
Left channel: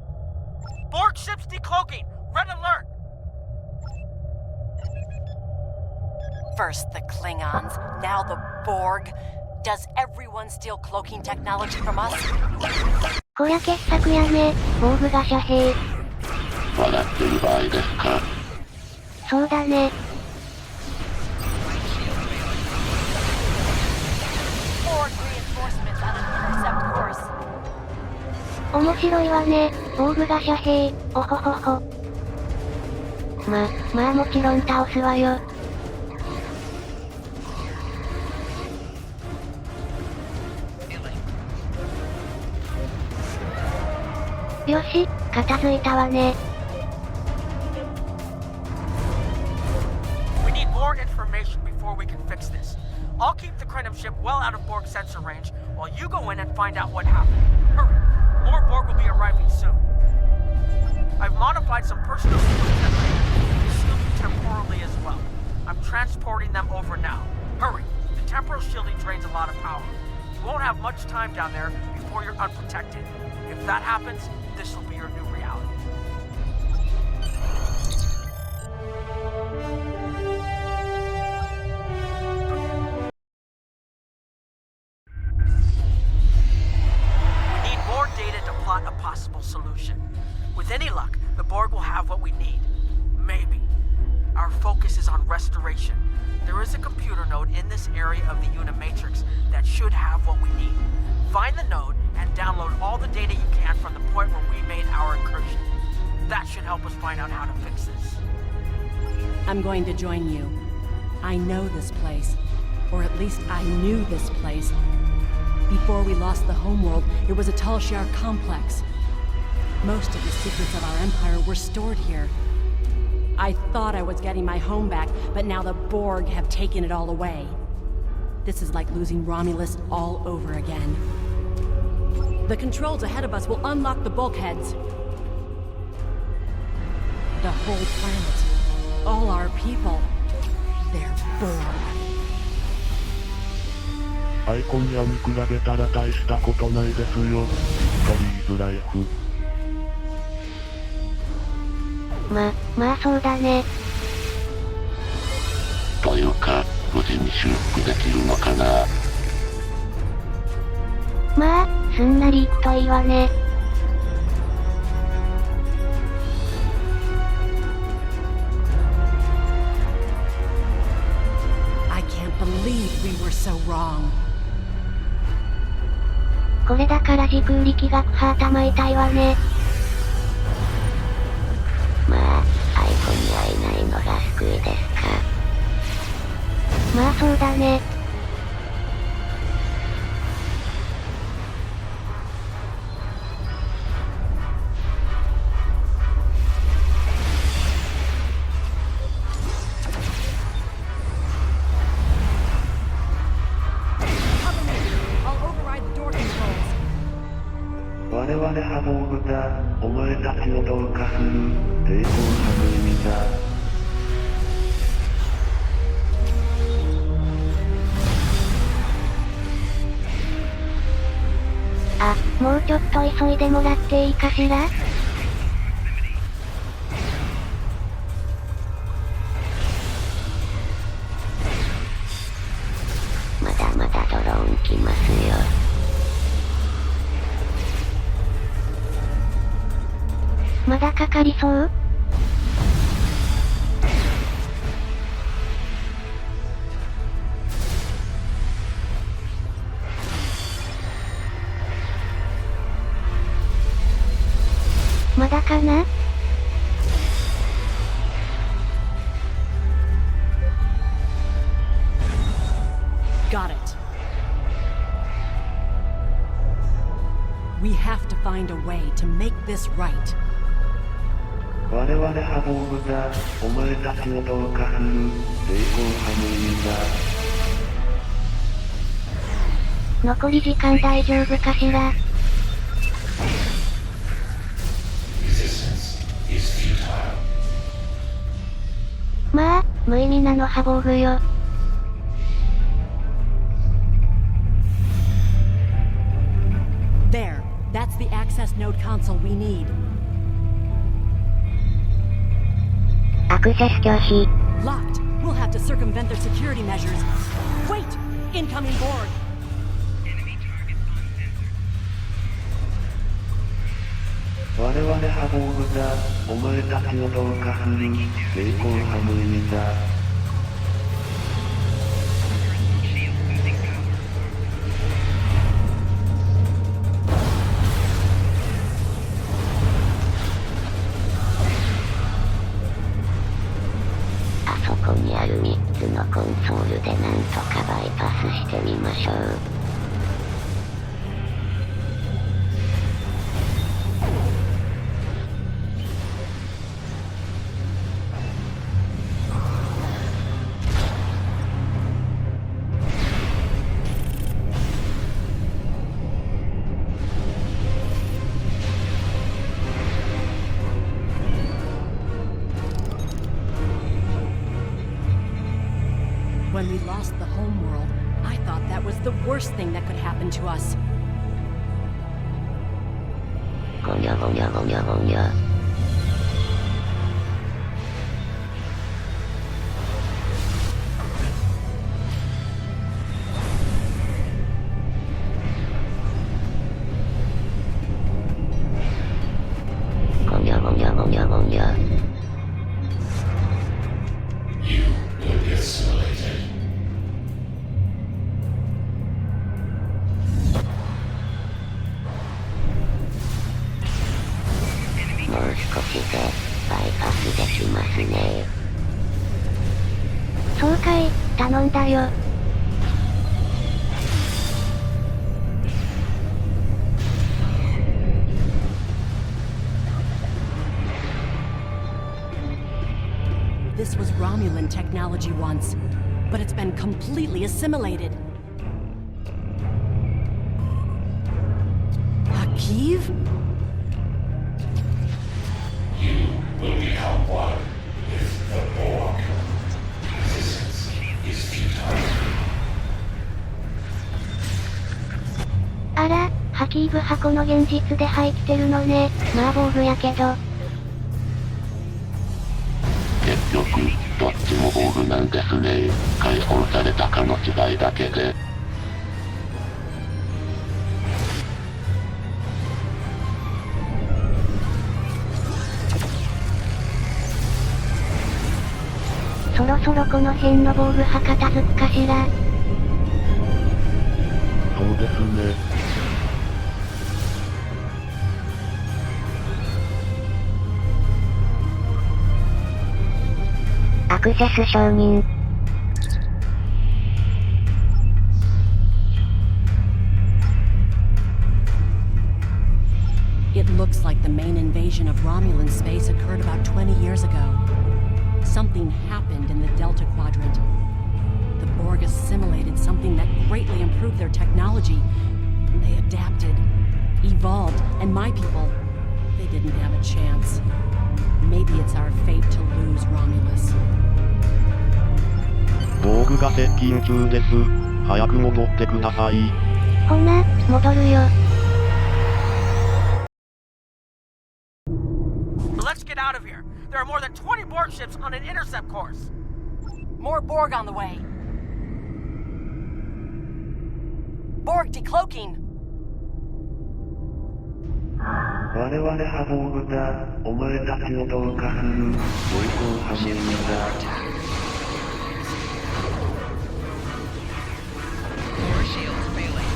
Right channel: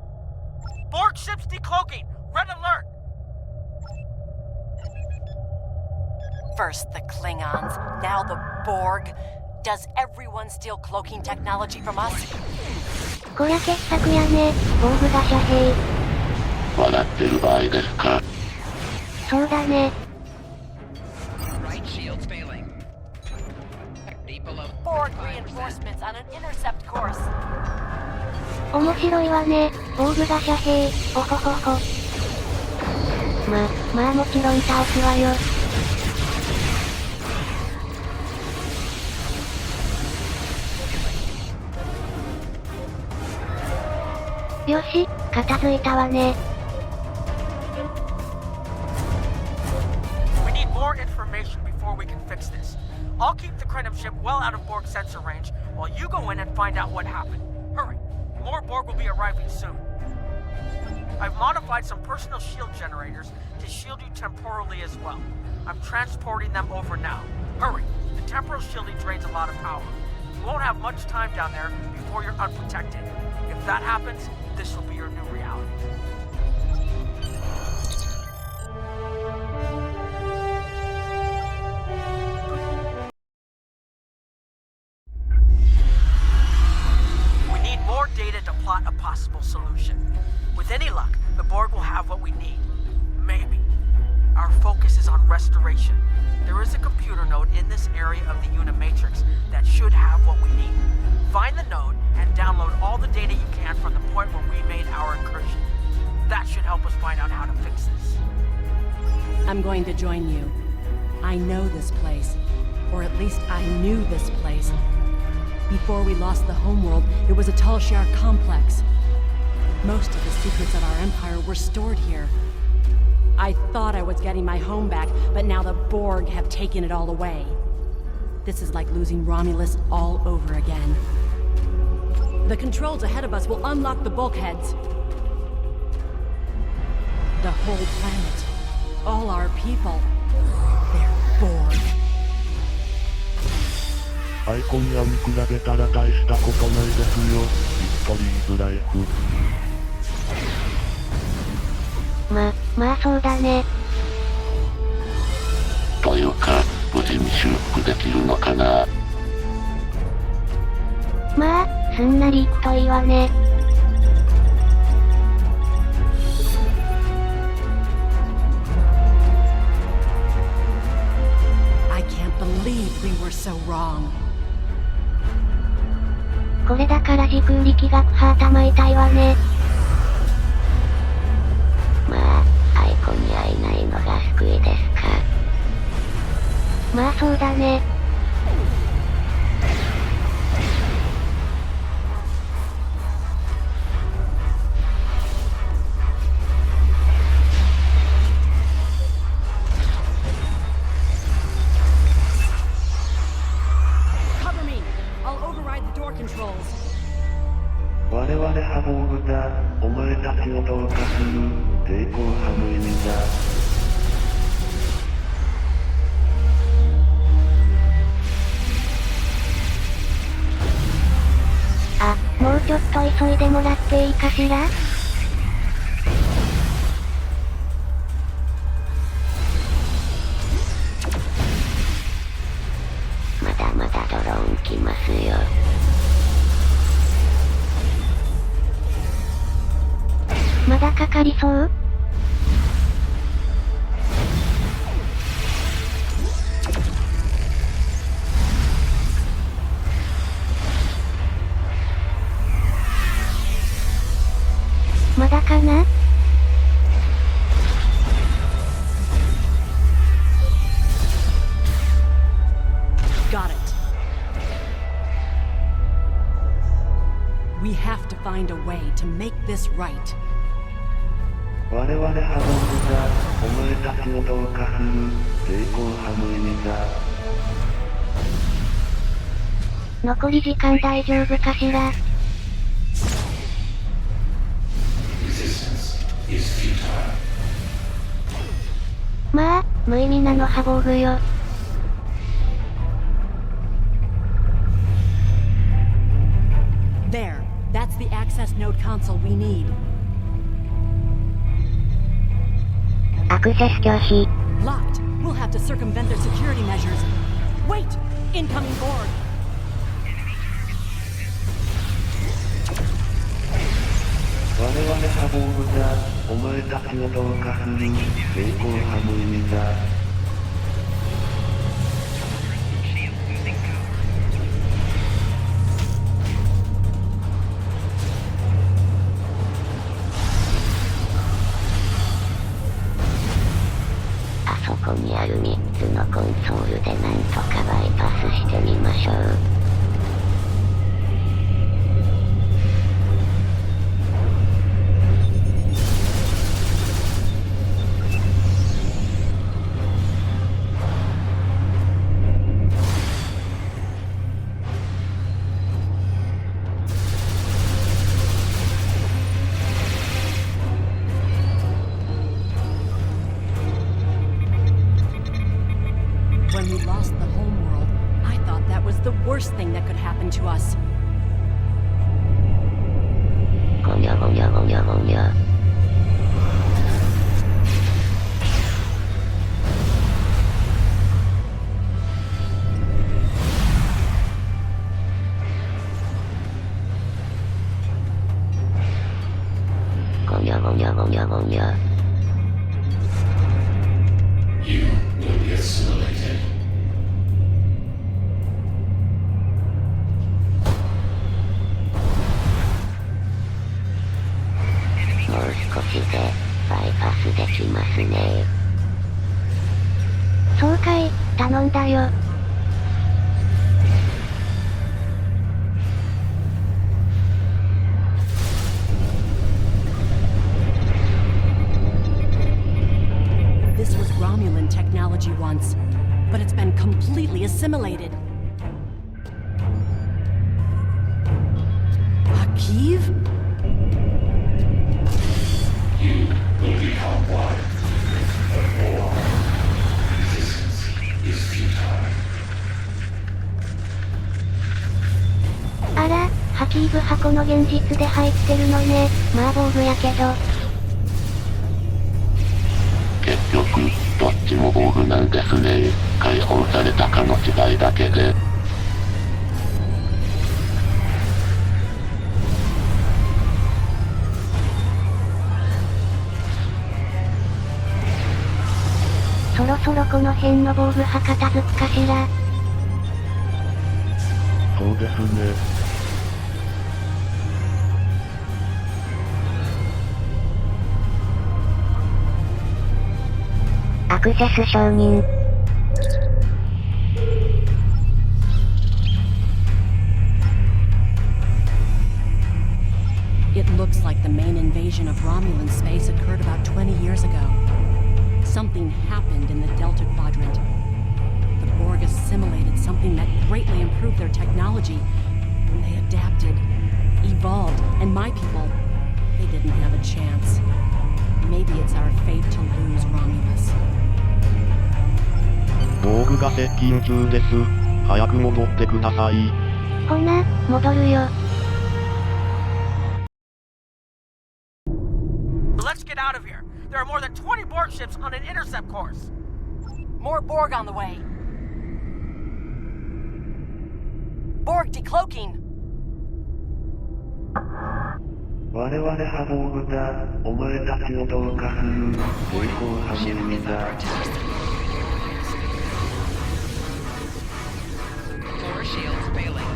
Borg ships decloaking! Red alert! First the Klingons, now the Borg. Does everyone steal cloaking technology from us? こりゃ傑作やね、ボーグが遮蔽。笑ってる場合ですか？そうだね。Borg reinforcements on an intercept course. 面白いわね、ボーグが遮蔽、おほほほ。まあもちろん倒すわよ。よし、片付いたわね。We need more information before we can fix this. I'll keep the Krenim ship well out of Borg sensor range while you go in and find out what happened. Hurry, more Borg will be arriving soon. I've modified some personal shield generators to shield you temporally as well. I'm transporting them over now. Hurry, the temporal shielding drains a lot of power. You won't have much time down there before you're unprotected. If that happens, this will be your new reality. We need more data to plot a possible solution. With any luck, the Borg will have what we need. Maybe. Our focus is on restoration. There is a computer node in this area of the Unimatrix that should have what we need. Find the node and download all the data you can from the point where we made our incursion. That should help us find out how to fix this. I'm going to join you. I know this place. Or at least I knew this place. Before we lost the homeworld, it was a Talshar complex. Most of the secrets of our empire were stored here. I thought I was getting my home back, but now the Borg have taken it all away. This is like losing Romulus all over again. The controls ahead of us will unlock the bulkheads. The whole planet. All our people. They're Borg. アイコンやに比べたら大したことないですよ。ヒストリーズライフ。まあそうだね。というか、無事に修復できるのかな？まあ、すんなりいくといいわね。I can't believe we were so wrong. これだから時空力学派頭痛いわね。まあ、アイコンに会えないのが救いですか。まあそうだね。我々ハボーグだ。お前たちを同化する。抵抗派の意味だ。あ、もうちょっと急いでもらっていいかしら？まだまだドローン来ますよ。まだかかりそう？まだかな？Got it. We have to find a way to make this right. 我々ハボーグがお前たちを同化する抵抗派の意味だ。残り時間大丈夫かしら？ Resistance is futile. まあ、無意味なのハボーグよ。There. That's the access node console we need. アクセス拒否。 Locked. We'll have to circumvent their security measures. Wait! Incoming Borg! 我々ハボーグがお前たちを同化する抵抗派の意味だ。あそこにある3つのコンソールでなんとかバイパスしてみましょう。When we lost the homeworld, I thought that was the worst thing that could happen to us. ごにゃごにゃごにゃごにゃ。ごにゃごにゃごにゃごにゃ。You will be assimilated. もう少しでバイパスできますね。そうかい、頼んだよ。This was Romulan technology once, but it's been completely assimilated. Akiv? You will become one with the Borg. Resistance is futile. あら、ハキーブ箱の現実で入ってるのね。まあ防具やけど。結局、どっちも防具なんですね。解放されたかの違いだけで。そろそろこの辺の防具派片付くかしら。そうですね。アクセス承認。It looks like the main invasion of Romulan space occurred about 20 years ago. Something happened in the Delta Quadrant. The Borg assimilated something that greatly improved their technology. They adapted, evolved, and my people, they didn't have a chance. Maybe it's our fate to lose Romulus. 防具が接近中です。早く戻ってください。ほな、戻るよ。Let's get out of here. There are more than 20 Borg ships on an intercept course. More Borg on the way. Borg decloaking. 我々波動部だ。お前たちを同化する。抵抗ハムーだ。Core shields failing.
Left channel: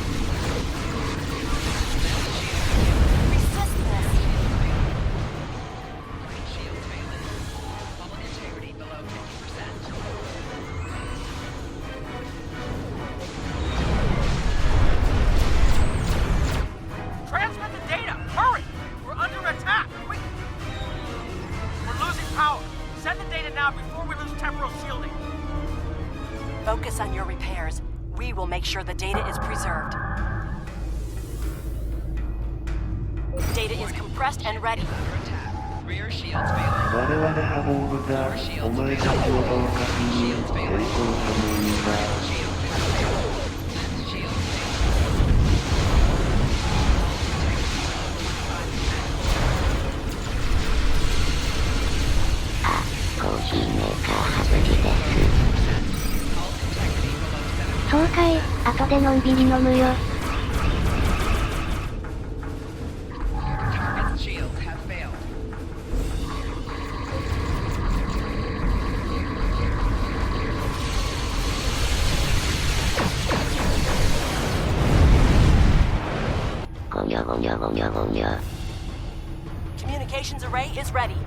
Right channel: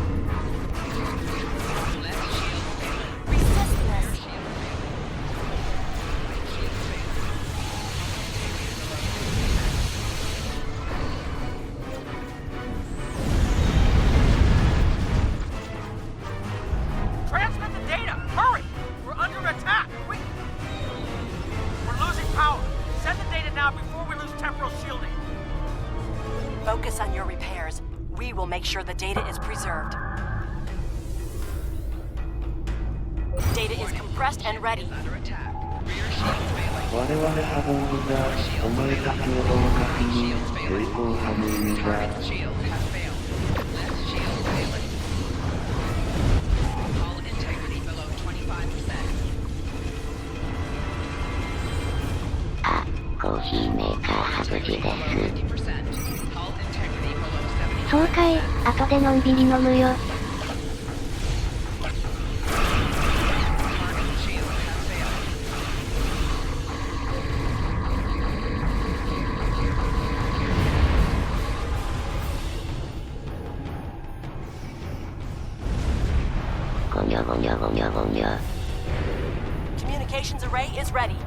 Left shield failing. Resist this. Shield failing. Right shield failing. Hull integrity below 50%. Transmit the data! Hurry! We're under attack! We're losing power! Send the data now before we lose temporal shielding! Focus on your repairs. We will make sure the data is preserved. Data is compressed and ready. Under attack. Rear shields failing. 我々波動部だ。お前たちを同化する。抵抗ハムーだ。 Shields have failed. Left shield failing. Hull integrity below 25%. あ、コーヒーメーカー外しです。 Hull integrity below 70%. そうかい、後でのんびり飲むよ。Target shields have failed. Communications array is ready.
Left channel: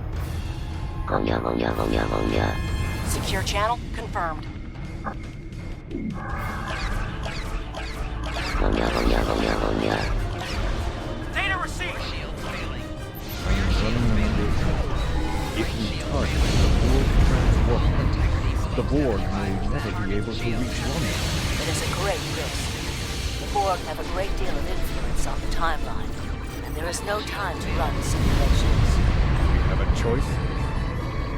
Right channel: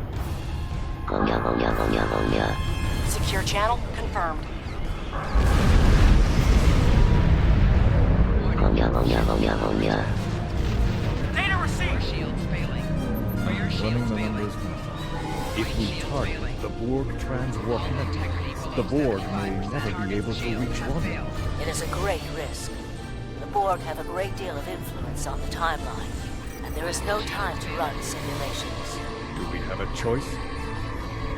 ゴニョゴニョゴニョゴニョ。 Secure channel confirmed. ゴニョゴニョゴニョゴニョ。 Data received! Shields failing. Rear Running shields the failing. numbers now. If we target the Borg transwarp network, the Borg may never be able to reach Romeo. It is a great risk. The Borg have a great deal of influence on the timeline, and there is no time to run simulations. Do we have a choice?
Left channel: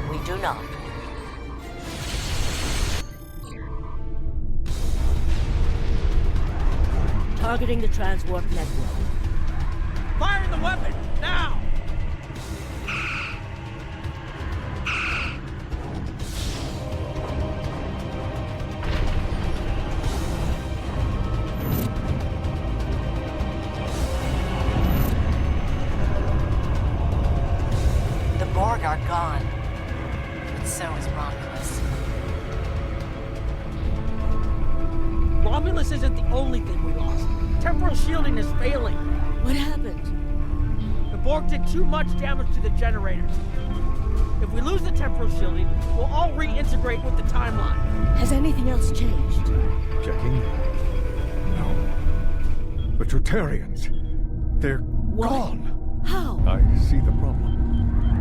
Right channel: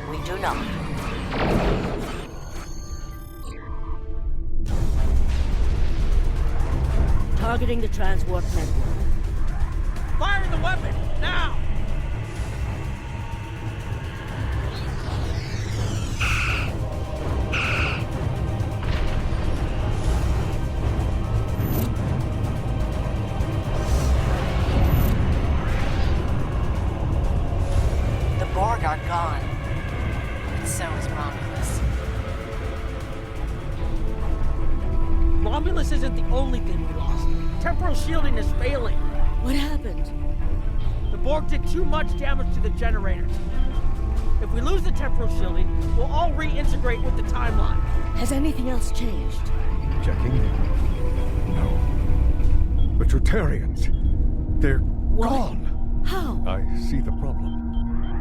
We do not. Targeting the transwarp network. Fire the weapon! Now! The Borg are gone. But so is Romulus. Romulus isn't the only thing we lost. Temporal shielding is failing. What happened? The Borg did too much damage to the generators. If we lose the temporal shielding, we'll all reintegrate with the timeline. Has anything else changed? Checking? No. The Tutarians. They're gone. How? I see the problem.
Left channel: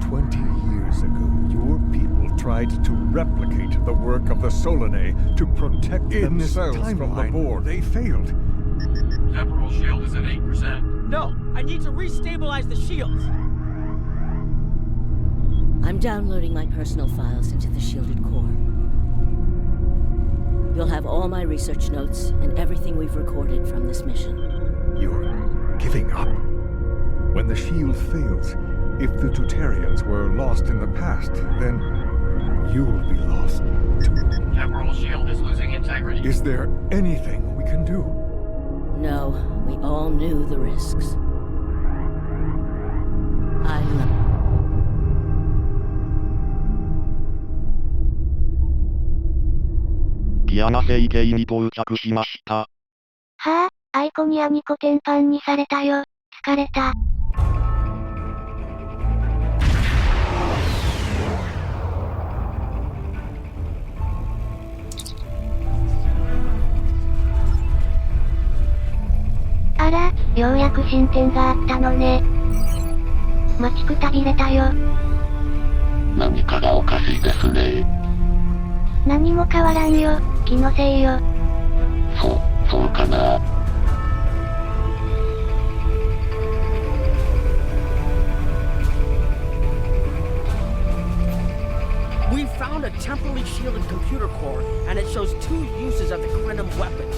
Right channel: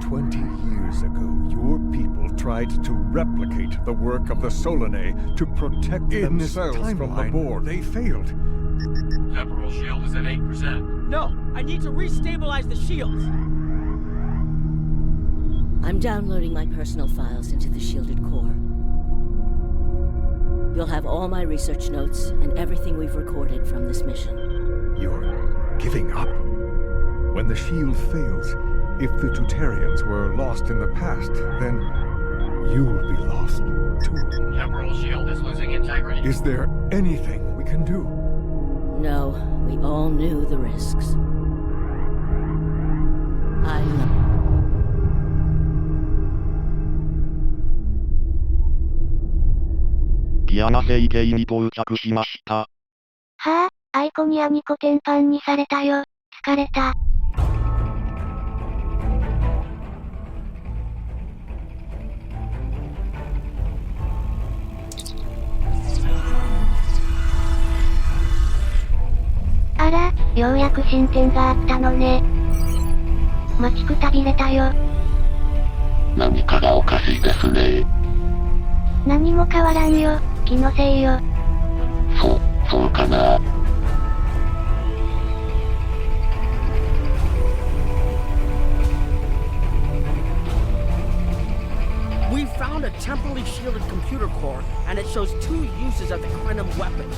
20 years ago, your people tried to replicate the work of the Solanae to protect themselves from the Borg. They failed. Temporal shield is at 8%. No, I need to restabilize the shields. I'm downloading my personal files into the shielded core. You'll have all my research notes and everything we've recorded from this mission. You're giving up? When the shield fails, if the Tutarians were lost in the past, then you'll be lost too. Temporal shield is losing integrity. Is there anything we can do? No, we all knew the risks. I love... ギアナ星系に到着しました。はあ、アイコニアにコテンパンにされたよ。疲れた。あら、ようやく進展があったのね。待ちくたびれたよ。何かがおかしいですね。何も変わらんよ。気のせいよ。そうかな。We found a temporally shielded computer core, and it shows 2 uses of the Krenim weapon.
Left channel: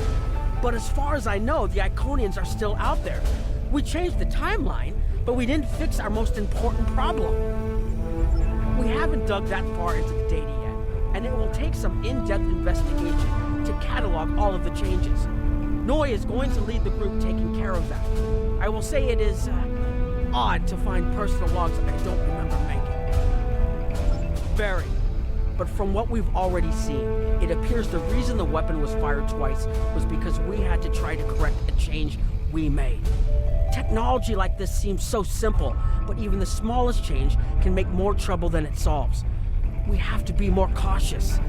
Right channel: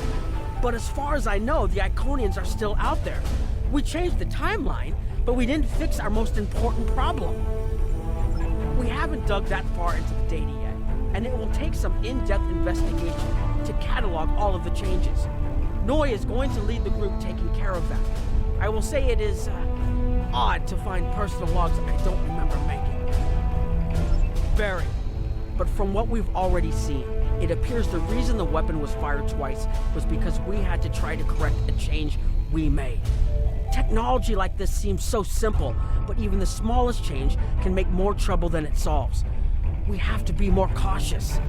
But as far as I know, the Iconians are still out there. We changed the timeline, but we didn't fix our most important problem. We haven't dug that far into the data yet, and it will take some in-depth investigation to catalog all of the changes. Noi is going to lead the group taking care of that. I will say it is, odd to find personal logs I don't remember making. Very. But from what we've already seen, it appears the reason the weapon was fired twice was because we had to try to correct a change we made. Technology like this seems so simple, but even the smallest change can make more trouble than it solves. We have to be more cautious.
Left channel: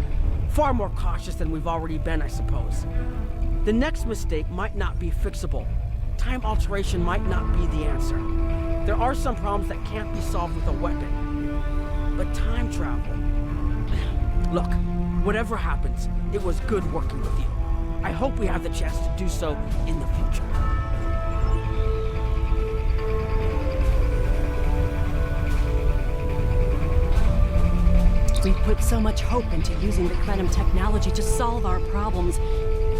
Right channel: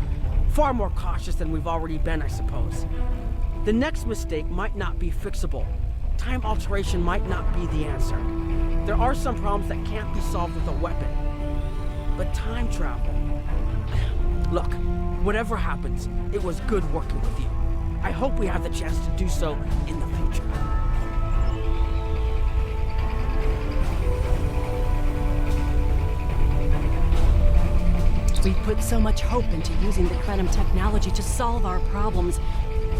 Far more cautious than we've already been, I suppose. The next mistake might not be fixable. Time alteration might not be the answer. There are some problems that can't be solved with a weapon. But time travel... Look, whatever happens, it was good working with you. I hope we have the chance to do so in the future. We put so much hope into using the Krenim technology to solve our problems.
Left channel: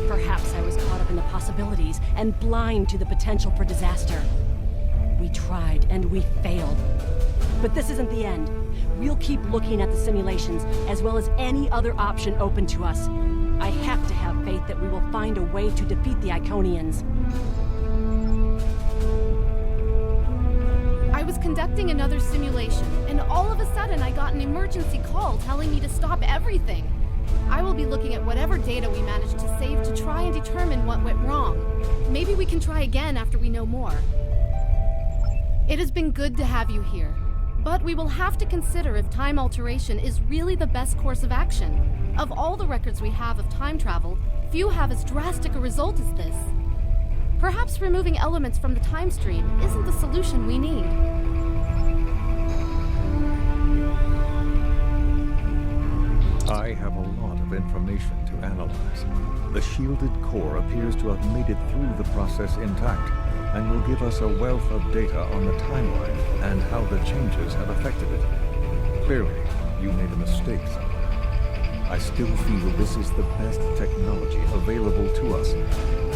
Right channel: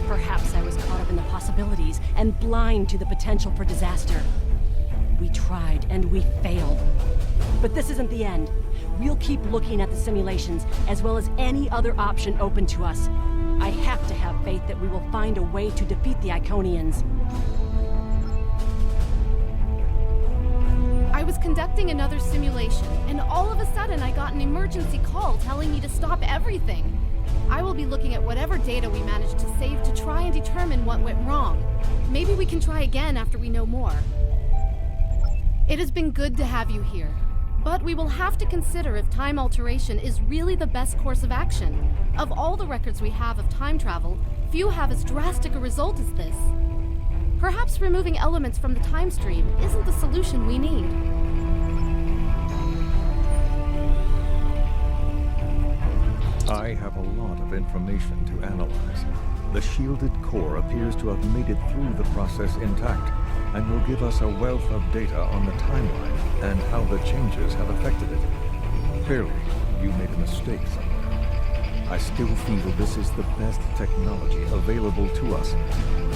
Perhaps I was caught up in the possibilities and blind to the potential for disaster. We tried and we failed. But this isn't the end. We'll keep looking at the simulations as well as any other option open to us. I have to have faith that we will find a way to defeat the Iconians. I was conducting another simulation, and all of a sudden I got an emergency call telling me to stop everything. I will be looking at whatever data we managed to save to try and determine what went wrong. Maybe we can try again after we know more. It has been good to have you here, but we will have to consider if time alteration is really the best course of action. Of all the records we have of time travel, few have as drastic a result as this. Perhaps removing elements from the time stream isn't the solution we need. I have a lot of information to analyze. The shielded core appears to have made it through the process intact, and will give us a wealth of data on the timeline and how the changes have affected it. Clearly, you made a mistake somewhere. I still feel this is the best technology available to us,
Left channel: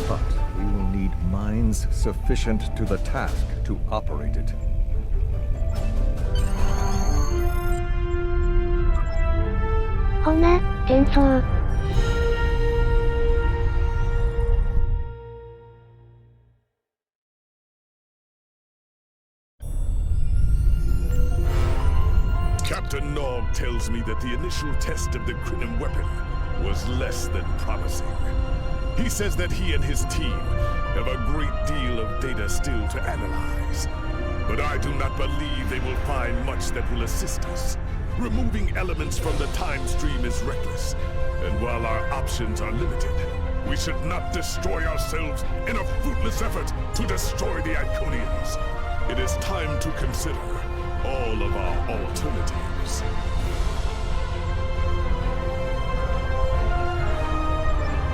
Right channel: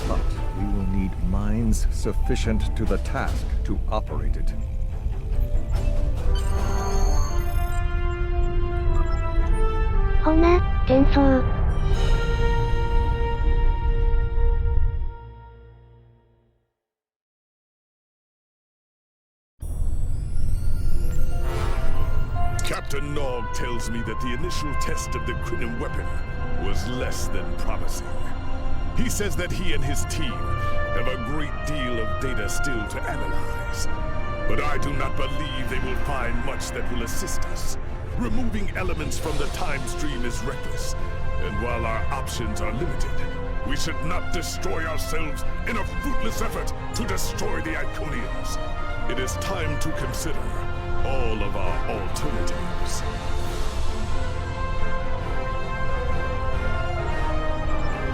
but we will need minds sufficient to the task to operate it. Hona, 転送. Captain Nog tells me that the initial test of the Krenim weapon was less than promising. He says that he and his team have a great deal of data still to analyze. But I do not believe they will find much that will assist us. Removing elements from the time stream is reckless, and while our options are limited, we should not destroy ourselves in a fruitless effort to destroy the Iconians. It is time to consider all of our alternatives.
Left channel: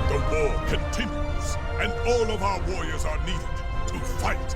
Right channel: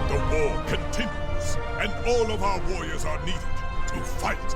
The war continues, and all of our warriors are needed to fight.